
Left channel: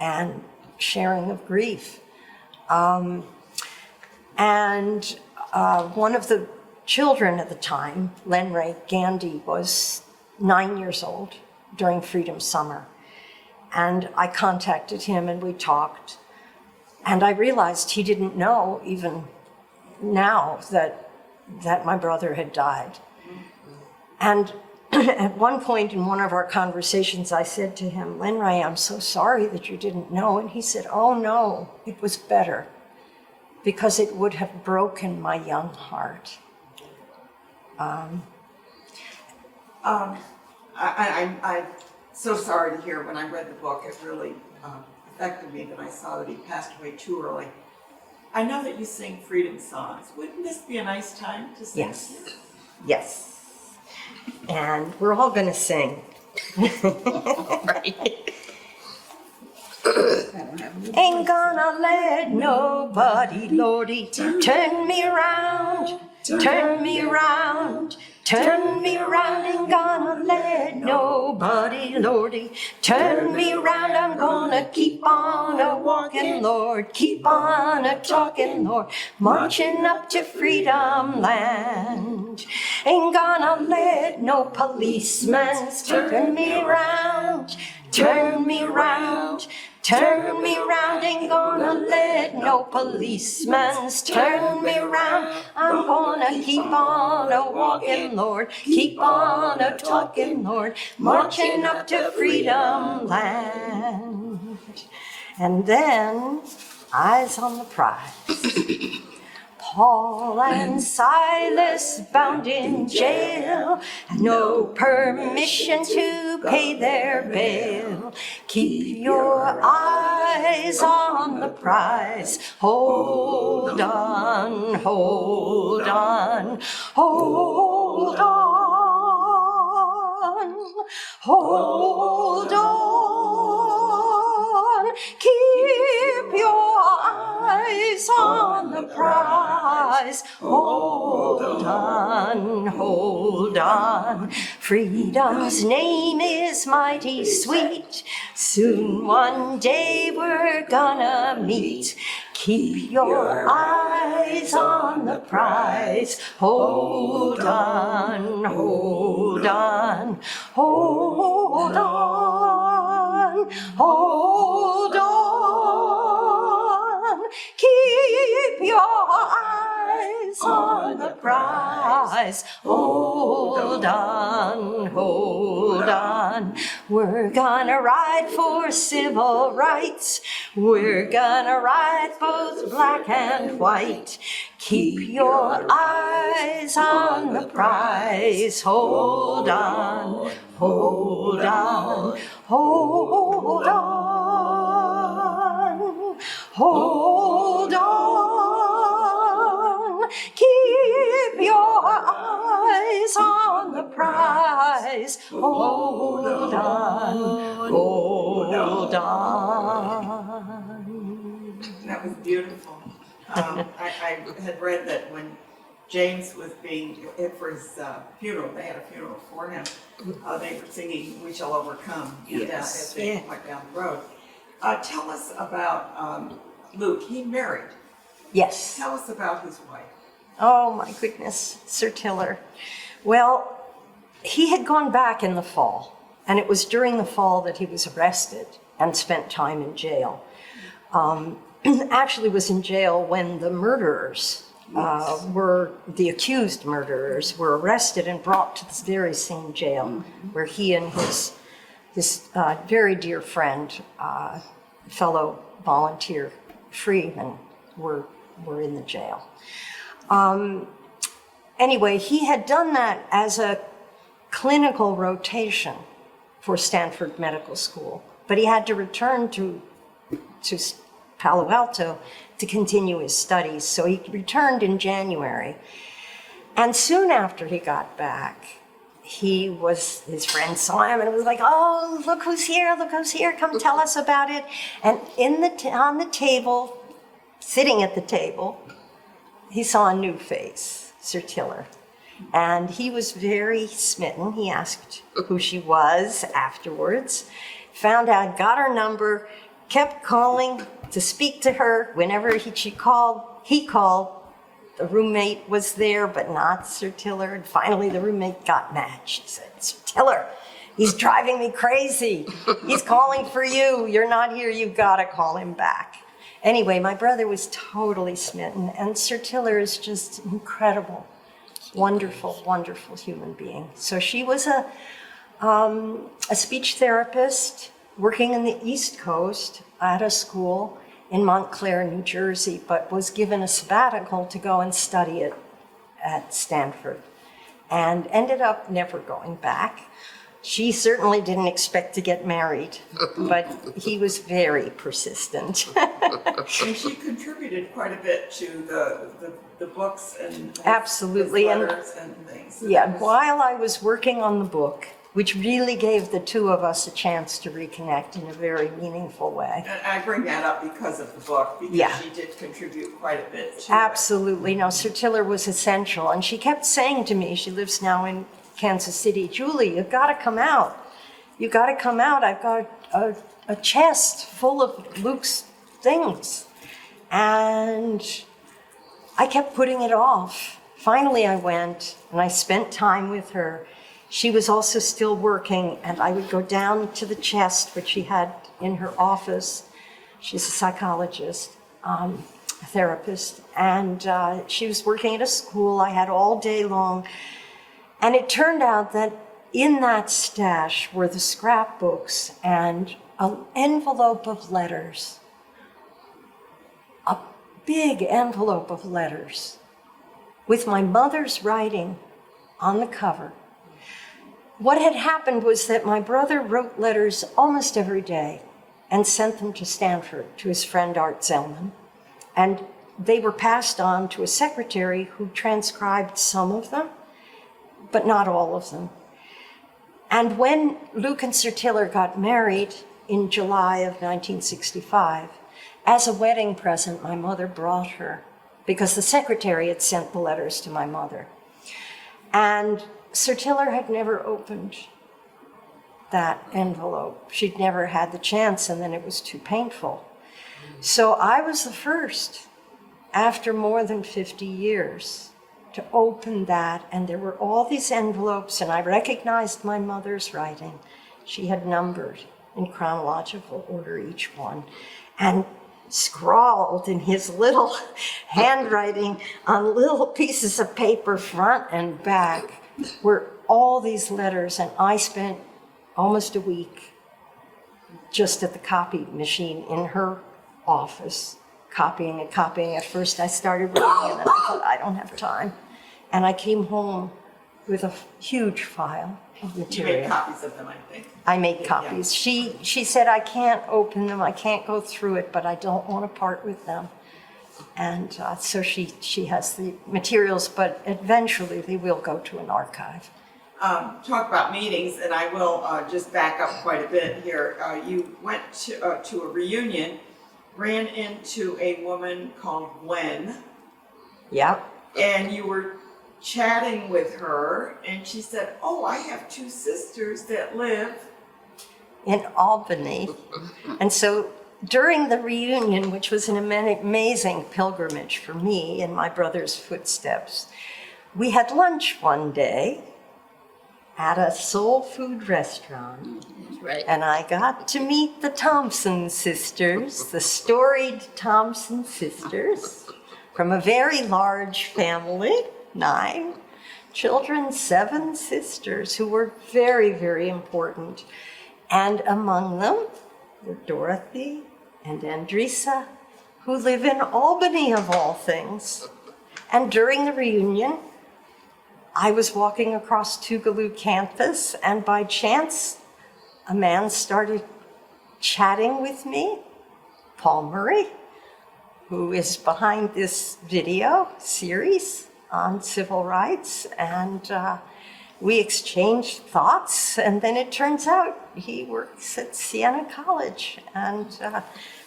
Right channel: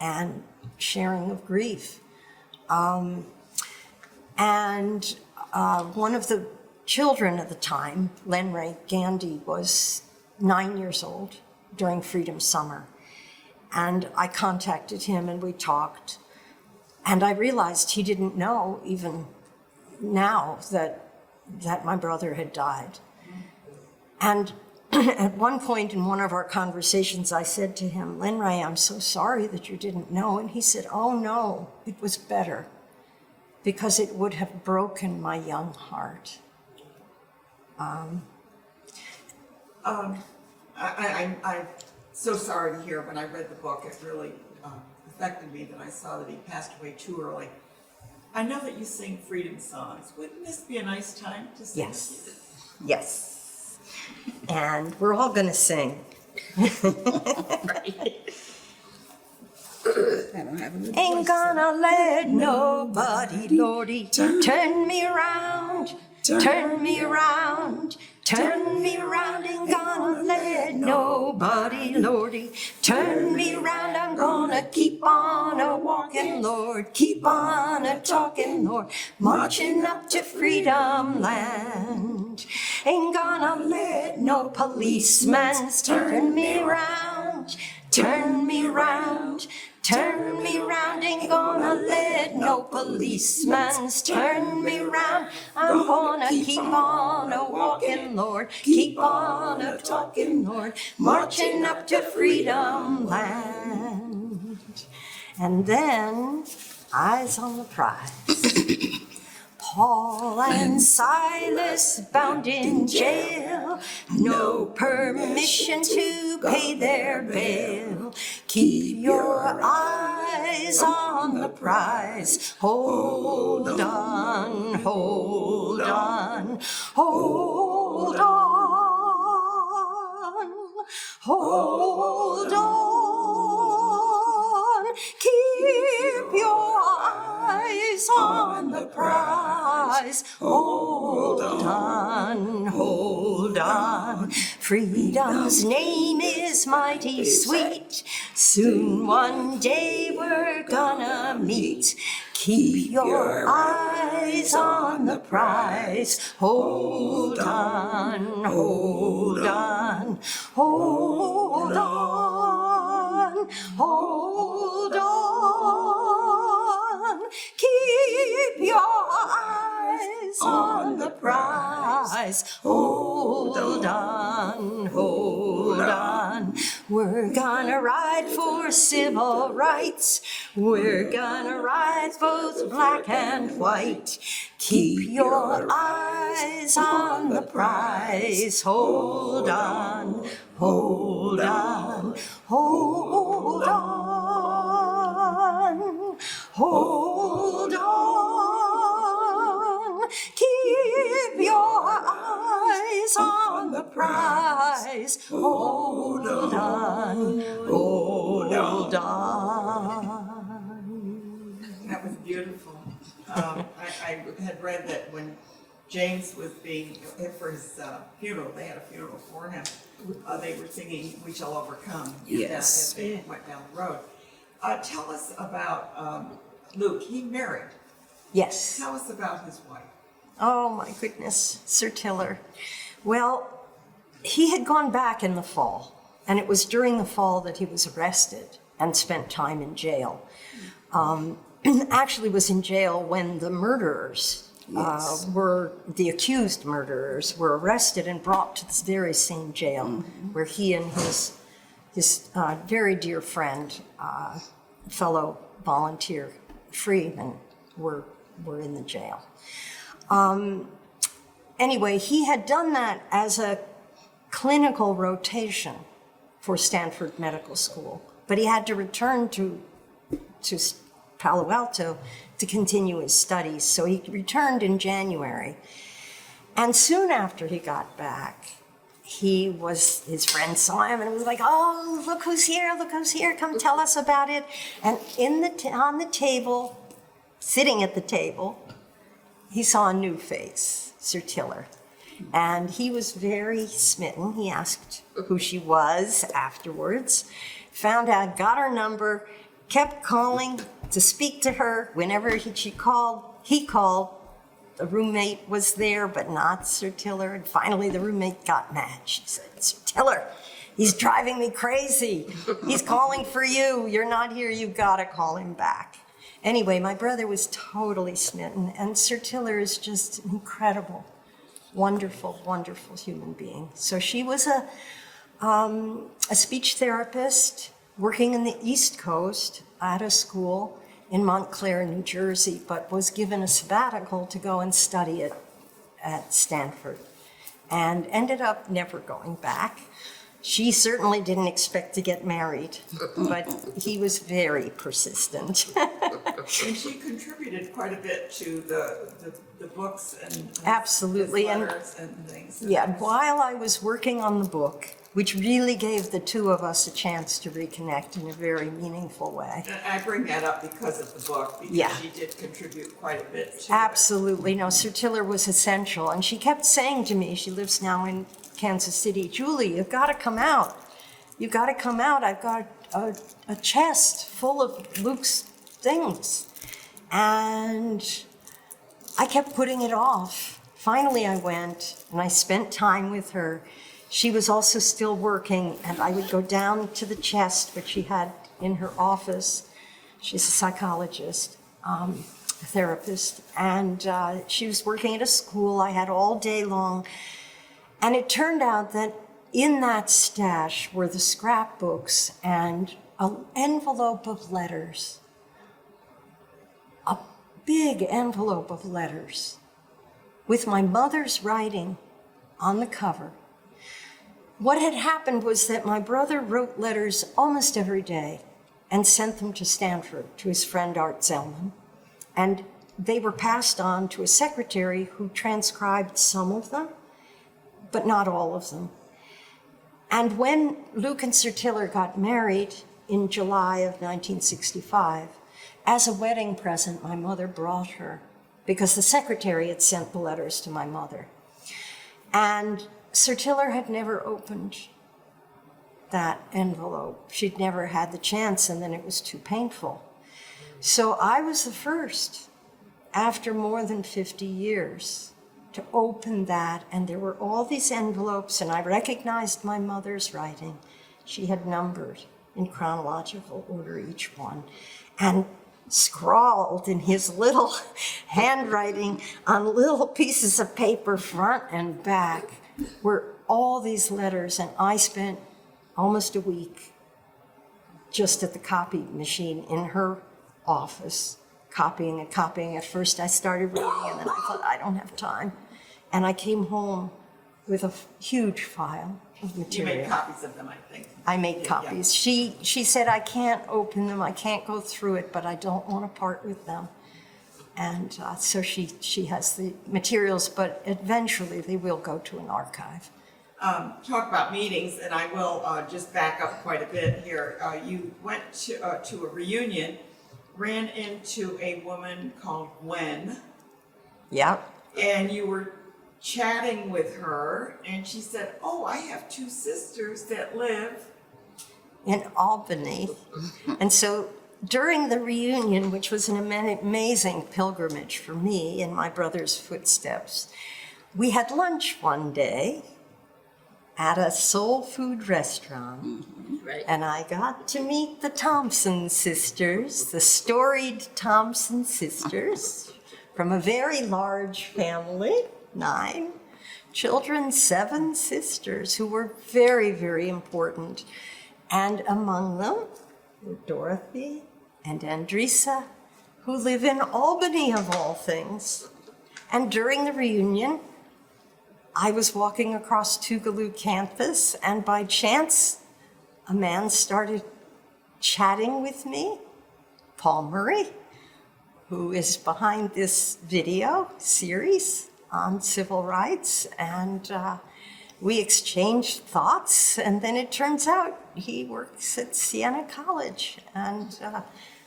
and sharing of grief. And one of the children at the time, Lenray Gandhi, was 9 years old during Freedom Summer. And I contacted him and we talked. And I realized he didn't know even now that my brother had died. And at one point in one of our conversations, I said to him, Lenray, I'm so sorry that you didn't know. And he said, oh no, it was better, because it would have broken my young heart. I'm so sorry to hear. When I read the book, it really affected me that I saw that he passed away too early. I know that you sing freedom songs. Wouldn't this be a nice time to sing? Yes. Yes. And we're all going to sing. Ain't gonna let nobody, Lordy, turn me around, turn me around, turn me around. Ain't gonna let nobody, Lordy, turn me around. I'm gonna keep on a walking, Lord, keep on a talking, Lord, marching up to freedom land. Ain't gonna let no policeman turn me around, turn me around. Turn me round, ain't gonna let no policeman turn me round. I'm gonna keep on a walking, Lord, keep on a talking, Lord, marching up to freedom land. And then, eyes on the prize. Paul and Silas bound in jail, no permission to pay their bail. Keep your eyes on the prize. Hold on, hold on, hold on, hold on. Keep your eyes on the prize. Hold on, hold on. Freedom's name is mighty sweet. Soon one day we're gonna meet. Keep your eyes on the prize. Hold on, hold on, hold on, hold on. Keep your eyes on the prize. rise. Hold on, hold on. We're gonna ride for civil rights. We're gonna ride both black and white. Keep your eyes on the prize. Hold on, hold on, hold on, hold on. Keep your eyes on the prize. Hold on, hold on. That was beautiful. I had read that when James was being, for his funeral, they had a funeral for him, they were singing We Shall Overcome as they went down the road. Tell us about Luke. He married. Yes. Tell us about his wife. Oh my goodness, Sir Tiller. Well, he had gone back in the fall, and it was during the fall that he was arrested and spent time in jail. Actually was in jail when the murderers were, the accused murderers were arrested and brought to this very same jail where he and his very dear friend, fellow volunteer freeman were in the jail. Anyway, he had done that as a clinical rotation for Stanford Medical School, but he had to return to Palo Alto to continue his studies. So he returned in January. And soon after he got back, his friend saw him and was like, oh, look who's here, come tell us about it. And on the table, sitting at the table, he saw a new face, Sir Tiller. And he was very smitten. He asked who she was afterwards, found out, got her number, kept calling to speak to her. Whenever he called. The roommate was there, but not Sir Tiller. And finally, the roommate got mad. She said, Sir Tiller, he's driving me crazy. He's calling for you. You're not here. You've got to call him back. Anyway, my brother was totally smitten, and Sir Tiller is just incredible, wonderful, wonderful human being. So she was a speech therapist working in the East Coast at a school in Montclair, New Jersey, but was given a sabbatical to go and study it at Stanford and ended up never going back. She certainly didn't expect to get married, but he was very persistent. And she contributed quite a bit to the books and Absolutely. his letters and things. Yeah, while I was working on the book, which really gave the two of us a chance to reconnect in a very meaningful way. And I bring that up because of the book, because she did contribute quite a bit to Absolutely. No, Sir Tiller was essential. And she kept saying to me, she lives now in Kansas City, Julie, you've got to come out. You've got to come out. I've got a chest full of Luke's things. And I kept putting it off. Finally, I went and I spent time with her. She was also still working, and I would go down to the chest, which she had in her office. She's a psychologist, a therapist, and she was working at a school I had all day long. And it turned out that in that stash were the scrapbooks and an envelope of letters, a big envelope of letters with my mother's writing on the cover. What had happened was that my brother wrote letters almost every day and sent them to Stanford, to his friend Art Zellman. And they were passed on to a secretary who transcribed some of them, but not all of them. And when Luke and Sir Tiller got married in July of 1965, as a wedding present, my mother brought her, because the secretary had sent the letters to my mother. And Sir Tiller had never opened that envelope. She'd never had the chance, and then it was too painful. So I was the first, after more than 50 years, to open that, and there were all these envelopes, and I recognized my mother's writing. She had numbered in chronological order each one. And scrawled in his little handwriting on little pieces of paper, front and back, were all these letters. And I spent almost a week just at the copy machine in her office, copying and copying. At first I started reading, and then I thought, I don't have time. And I came home with a huge file of You material. made copies of them, I think. I made copies. She said, I can't open them, I can't go through it, but I don't want to part with them. And so she has the materials, but eventually they will go to an archive. Talk about meetings, and I will just back up quite a bit here. You went to a reunion, ran into a woman called Gwen, Yep. and you were chatting with her, and she said, "Oh, I have two sisters that live." In Albany. And so during the reunion, which was an amazing pilgrimage for me in my brother's footsteps, we had lunch one day at a soul food restaurant. Right. And I got to meet the Thompson sisters, the storied Thompson sisters, from a very large family, 9 children, 7 sisters, who were very, very important. And among them were Dorothy and Andresa, who live in Albany, of all things. And during the reunion, I was walking across Tougaloo campus, and by chance, a man started chatting with me, Paul Murray, who is behind this video series on civil rights, and we exchanged thoughts, and then it turns out he works at Siena College, and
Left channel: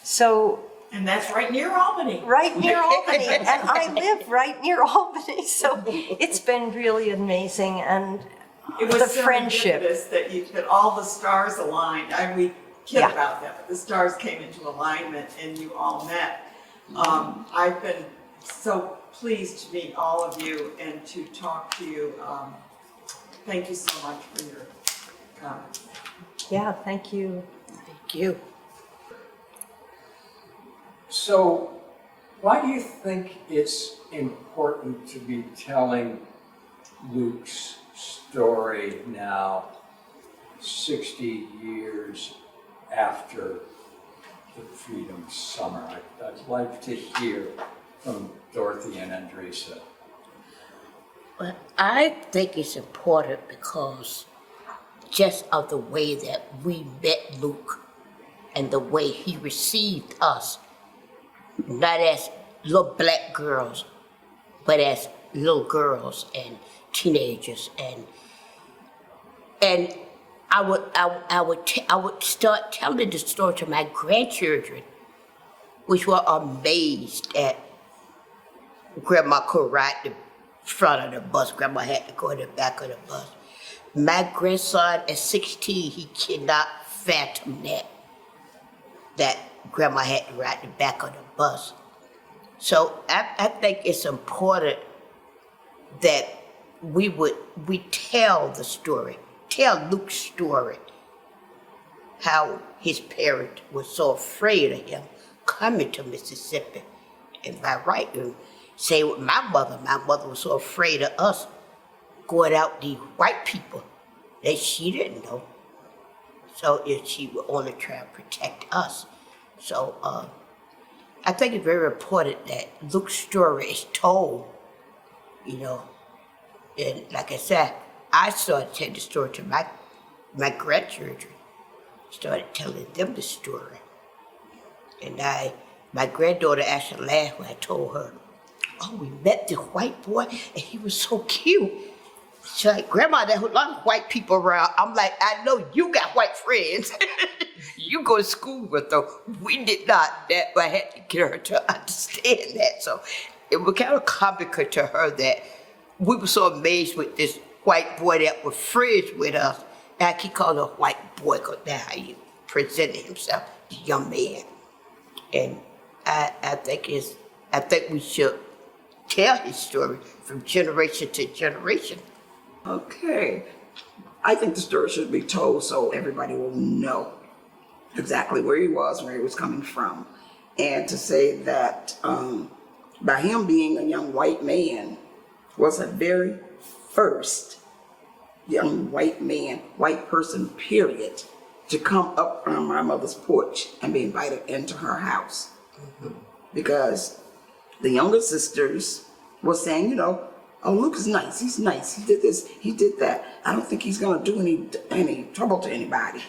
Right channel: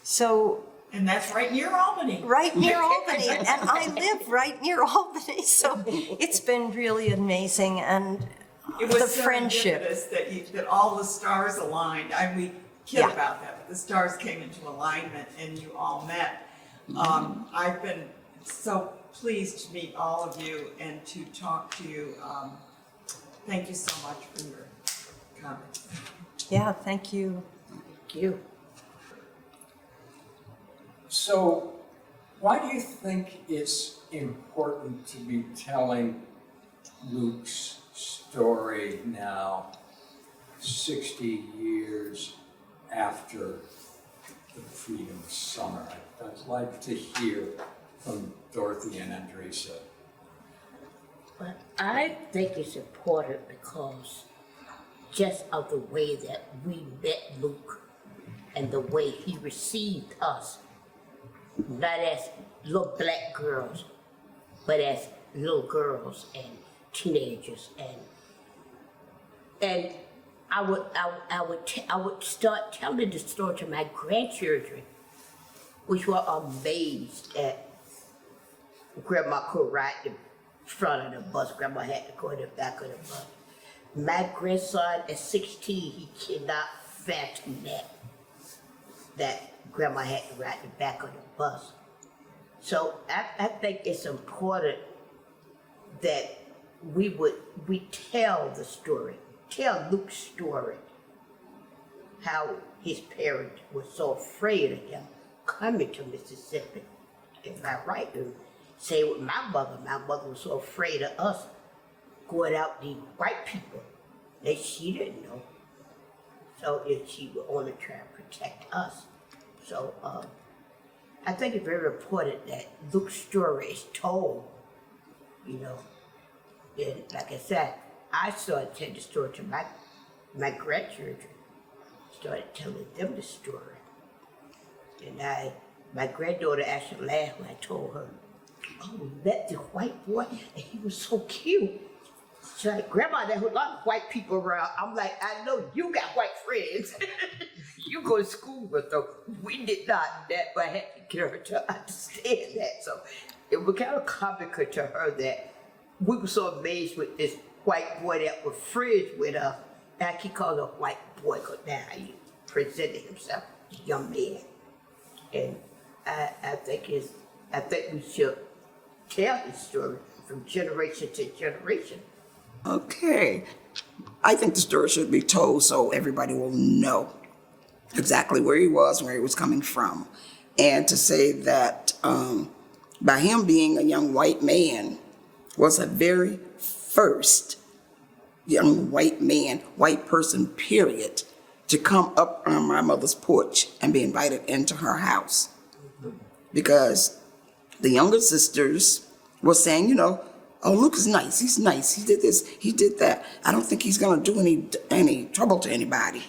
so And that's right near Albany. right near Albany, and I live right near Albany, so it's been really amazing, and It was the friendship. serendipitous that all the stars aligned. We kid Yeah. about that, but the stars came into alignment and you all met. I've been so pleased to meet all of you and to talk to you. Thank you so much for your comments. Yeah, thank you. Thank you. So, why do you think it's important to be telling Luke's story now, 60 years after the Freedom Summer? I'd like to hear from Dorothy and Andresa. But I think it's important because just of the way that we met Luke and the way he received us, not as little black girls, but as little girls and teenagers, and I would start telling the story to my grandchildren, which were amazed at Grandma could ride the front of the bus. Grandma had to go in the back of the bus. My grandson at 16, he cannot fathom that Grandma had to ride the back of the bus. So I think it's important that we tell the story, tell Luke's story, how his parents were so afraid of him coming to Mississippi. If I right, say with my mother was so afraid of us going out these white people that she didn't know. So if she would only try to protect us. So I think it's very important that Luke's story is told, you know. And like I said, I started telling the story to my grandchildren, started telling them the story. And my granddaughter actually laughed when I told her, "Oh, we met the white boy and he was so cute." She's like, "Grandma, there's a lot of white people around." I'm like, "I know you got white friends. You go to school with them. We did not." That, but I had to get her to understand that. So it was kind of comical to her that we were so amazed with this white boy that was friends with us. And he called a white boy because that's how he presented himself, the young man. And I think we should tell his story from generation to generation. Okay. I think the story should be told so everybody will know exactly where he was coming from. and to say that by him being a young white man was the very first young white man, white person, period, to come up on my mother's porch and be invited into her house. Because the younger sisters were saying, you know, oh, Luke is nice, he did this, he did that. I don't think he's gonna do any trouble to anybody.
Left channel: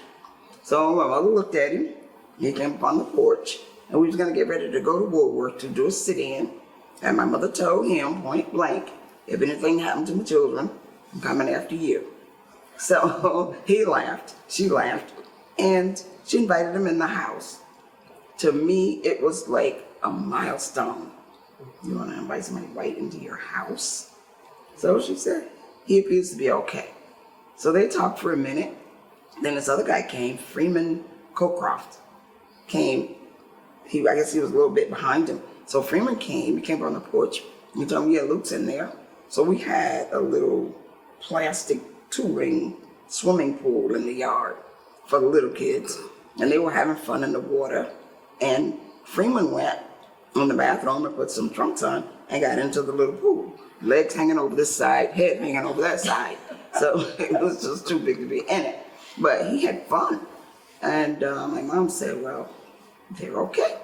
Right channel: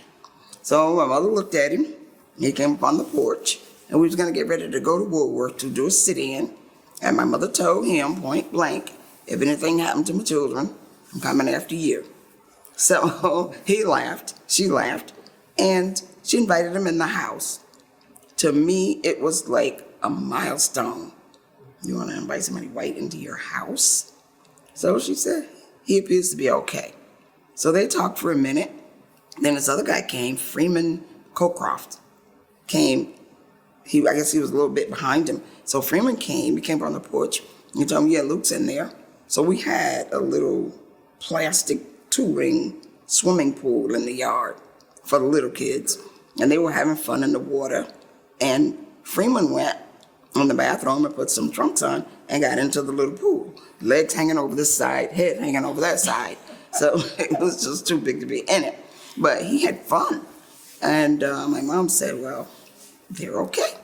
So my mother looked at him, he came up on the porch, and we was gonna get ready to go to Woolworth to do a sit-in. And my mother told him point blank, if anything happened to my children, I'm coming after you. So he laughed, she laughed, and she invited him in the house. To me, it was like a milestone. You want to invite somebody white into your house? So she said, he appears to be okay. So they talked for a minute. Then this other guy came, Freeman Cocroft came. I guess he was a little bit behind him. So Freeman came, he came on the porch. He told me, yeah, Luke's in there. So we had a little plastic tubing swimming pool in the yard for the little kids. And they were having fun in the water. And Freeman went in the bathroom and put some trunks on and got into the little pool. Legs hanging over this side, head hanging over that side. So it was just too big to be in it. But he had fun. And my mom said, well, they're okay.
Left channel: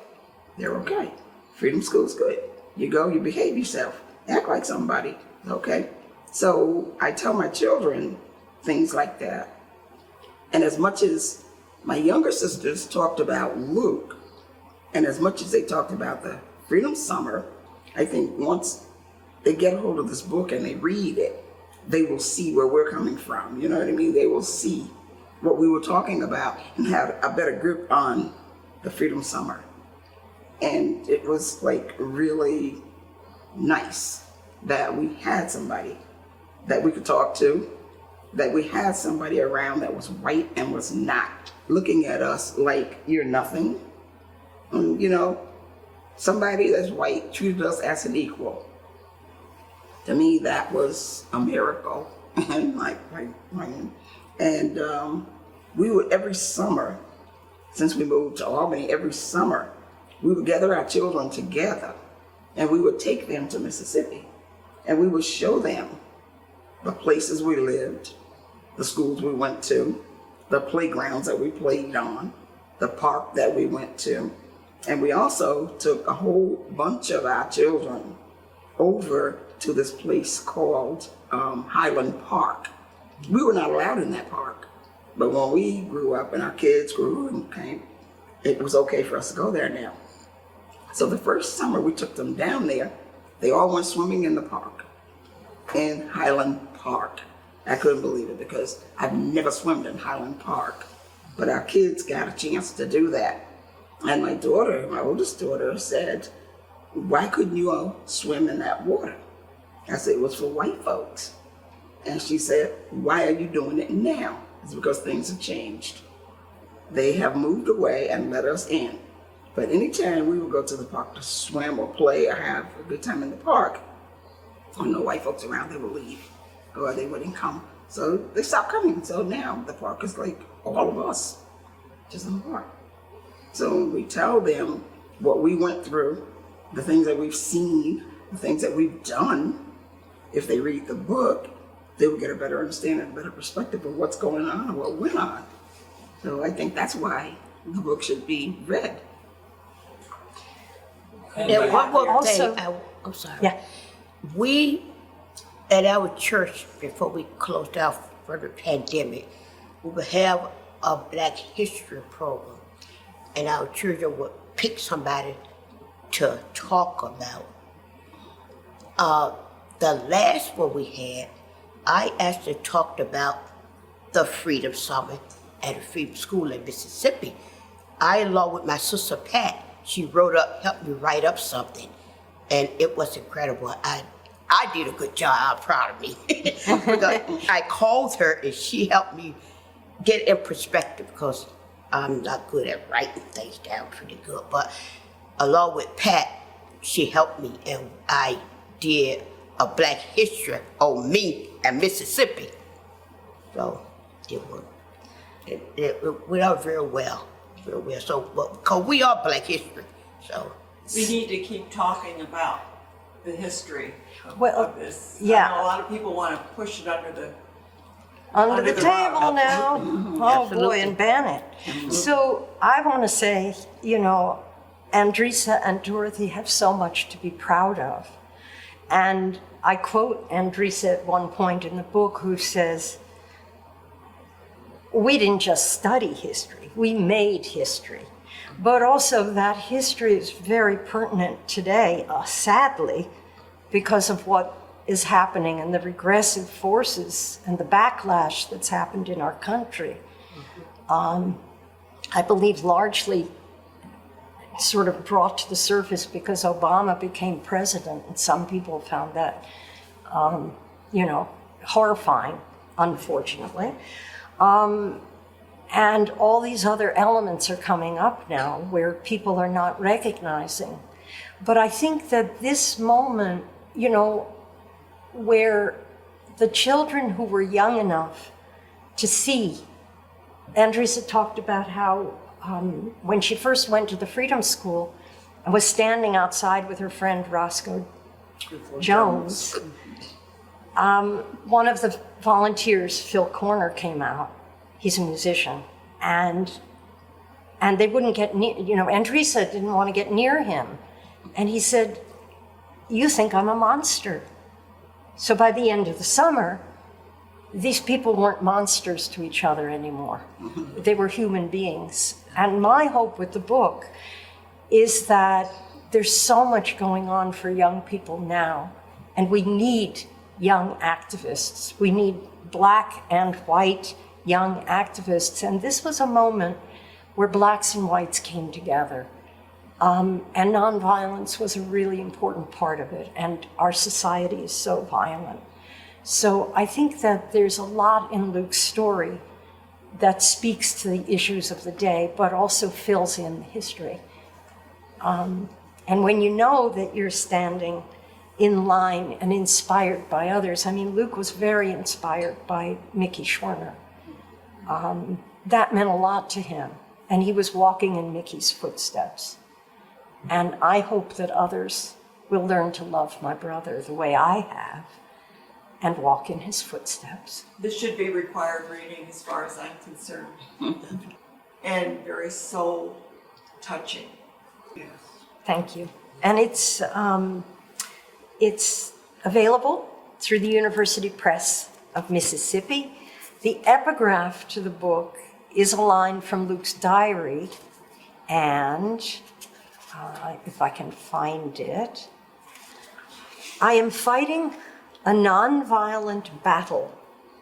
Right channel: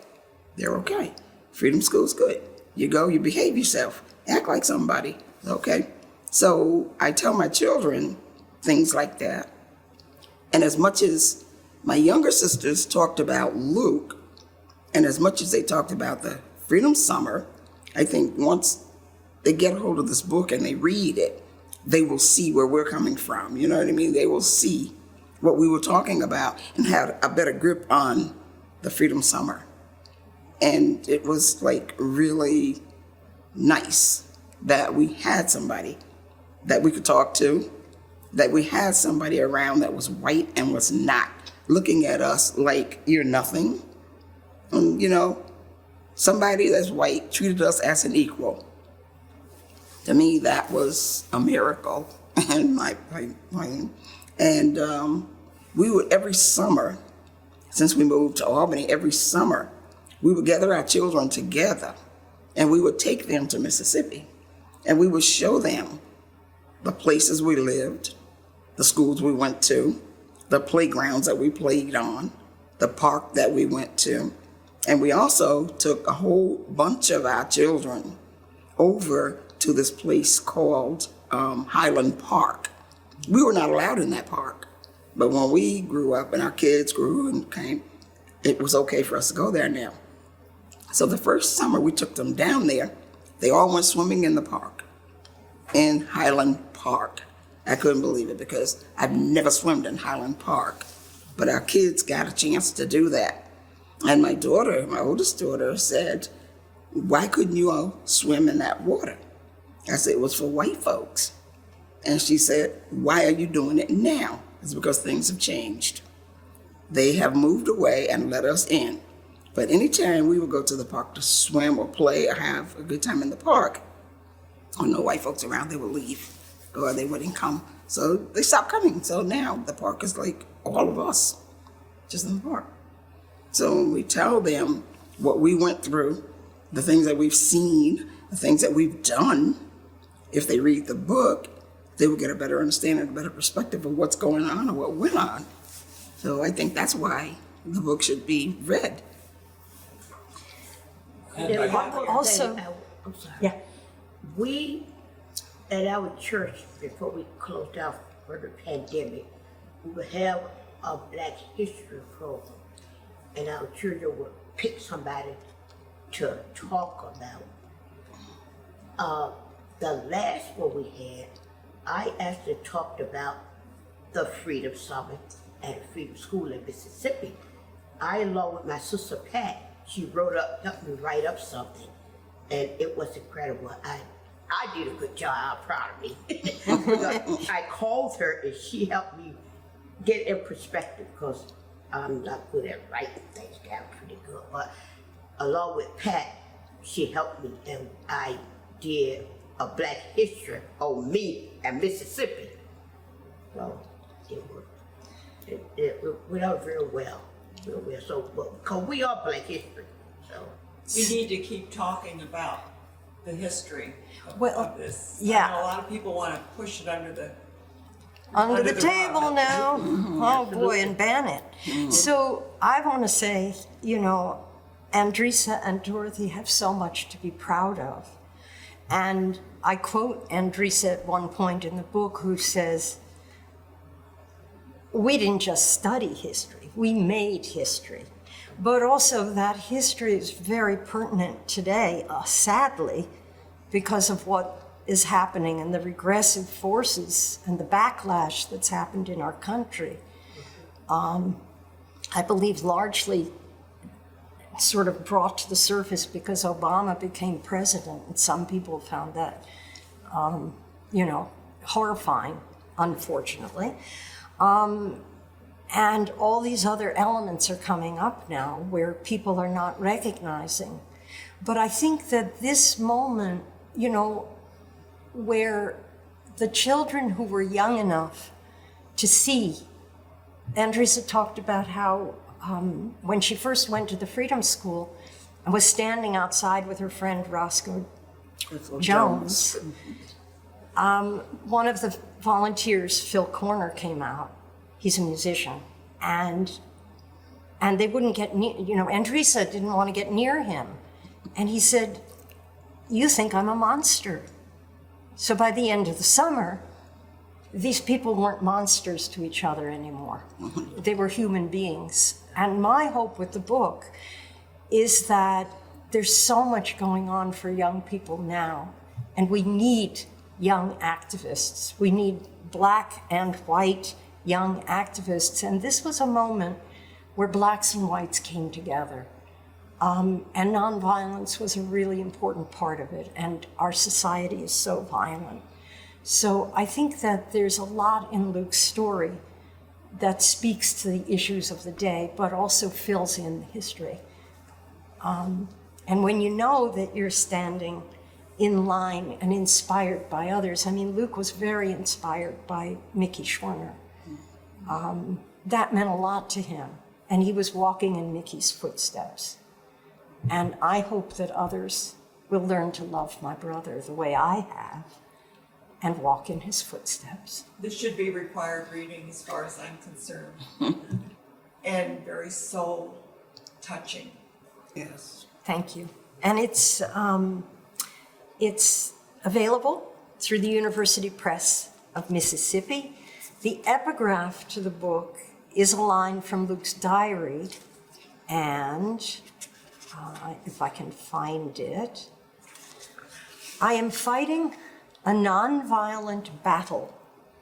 They're okay. Freedom School's good. You go, you behave yourself. Act like somebody. Okay. So I tell my children things like that. And as much as my younger sisters talked about Luke, and as much as they talked about the Freedom Summer, I think once they get a hold of this book and they read it, they will see where we're coming from. You know what I mean? They will see what we were talking about and have a better grip on the Freedom Summer. And it was like really nice that we had somebody that we could talk to, that we had somebody around that was white and was not looking at us like you're nothing. You know, somebody that's white treated us as an equal. To me, that was a miracle. And we would, every summer, since we moved to Albany, every summer, we would gather our children together and we would take them to Mississippi and we would show them the places we lived, the schools we went to, the playgrounds that we played on, the park that we went to. And we also took a whole bunch of our children over to this place called Highland Park. We were not allowed in that park. But when we grew up and our kids grew and came, it was okay for us to go there now. So the first summer we took them down there, they all went swimming in the park, in Highland Park. I couldn't believe it because I've never swum in Highland Park, but our kids got a chance to do that. And my daughter, my oldest daughter, said, why couldn't you all swim in that water? I said, it was for white folks. And she said, why are you doing it now? It's because things have changed. They have moved away and let us in. But anytime we would go to the park to swim or play or have a good time in the park, when no white folks around, they would leave or they wouldn't come. So they stopped coming. So now the park is like all of us, just in the park. So when we tell them what we went through, the things that we've seen, the things that we've done, if they read the book, they will get a better understanding, a better perspective of what's going on and what went on. So I think that's why the book should be read. And one more Also- thing, I'm sorry. Yeah. We, at our church, before we closed out for the pandemic, we would have a Black History program. And our children would pick somebody to talk about. The last one we had, I actually talked about the Freedom Summit at a Freedom School in Mississippi. I, along with my sister Pat, she helped me write up something, and it was incredible. I did a good job. I'm proud of me. Because I called her, and she helped me get in perspective because I'm not good at writing things down pretty good. But along with Pat, she helped me, and I did a Black History on me and Mississippi. So it went out very well. So, because we are Black History, So, We need to keep talking about the history Well, of this. yeah. I know a lot of people want to push it under the Under the rug. table now. Oh boy, and ban it. So I want to say, you know, Andresa and Dorothy have so much to be proud of. And I quote Andresa at one point in the book, who says, we didn't just study history, we made history. But also that history is very pertinent today, sadly, because of what is happening and the regressive forces and the backlash that's happened in our country. I believe largely sort of brought to the surface because Obama became president, and some people found that, you know, horrifying, unfortunately. And all these other elements are coming up now where people are not recognizing. But I think that this moment, you know, where the children who were young enough to see, Andresa talked about how when she first went to the Freedom School and was standing outside with her friend Roscoe Jones, one of the volunteers, Phil Corner, came out. He's a musician, and they wouldn't get near, you know, Andresa didn't want to get near him. And he said, "You think I'm a monster." So by the end of the summer, these people weren't monsters to each other anymore. They were human beings. And my hope with the book is that there's so much going on for young people now, and we need young activists. We need Black and white young activists. And this was a moment where Blacks and whites came together. And nonviolence was a really important part of it. And our society is so violent. So I think that there's a lot in Luke's story that speaks to the issues of the day, but also fills in the history. And when you know that you're standing in line and inspired by others, I mean, Luke was very inspired by Mickey Schwerner. That meant a lot to him. And he was walking in Mickey's footsteps. And I hope that others will learn to love my brother the way I have and walk in his footsteps. This should be required reading as far as I'm concerned. And very soul touching. Yes. Thank you. And it's available through the University Press of Mississippi. The epigraph to the book is a line from Luke's diary, and if I can find it, I am fighting a nonviolent battle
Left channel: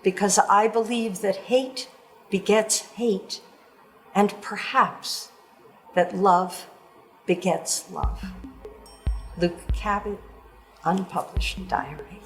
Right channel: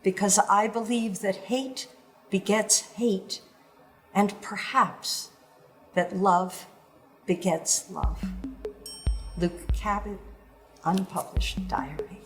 because I believe that hate begets hate, and perhaps that love begets love. Luke Kabat, unpublished diary.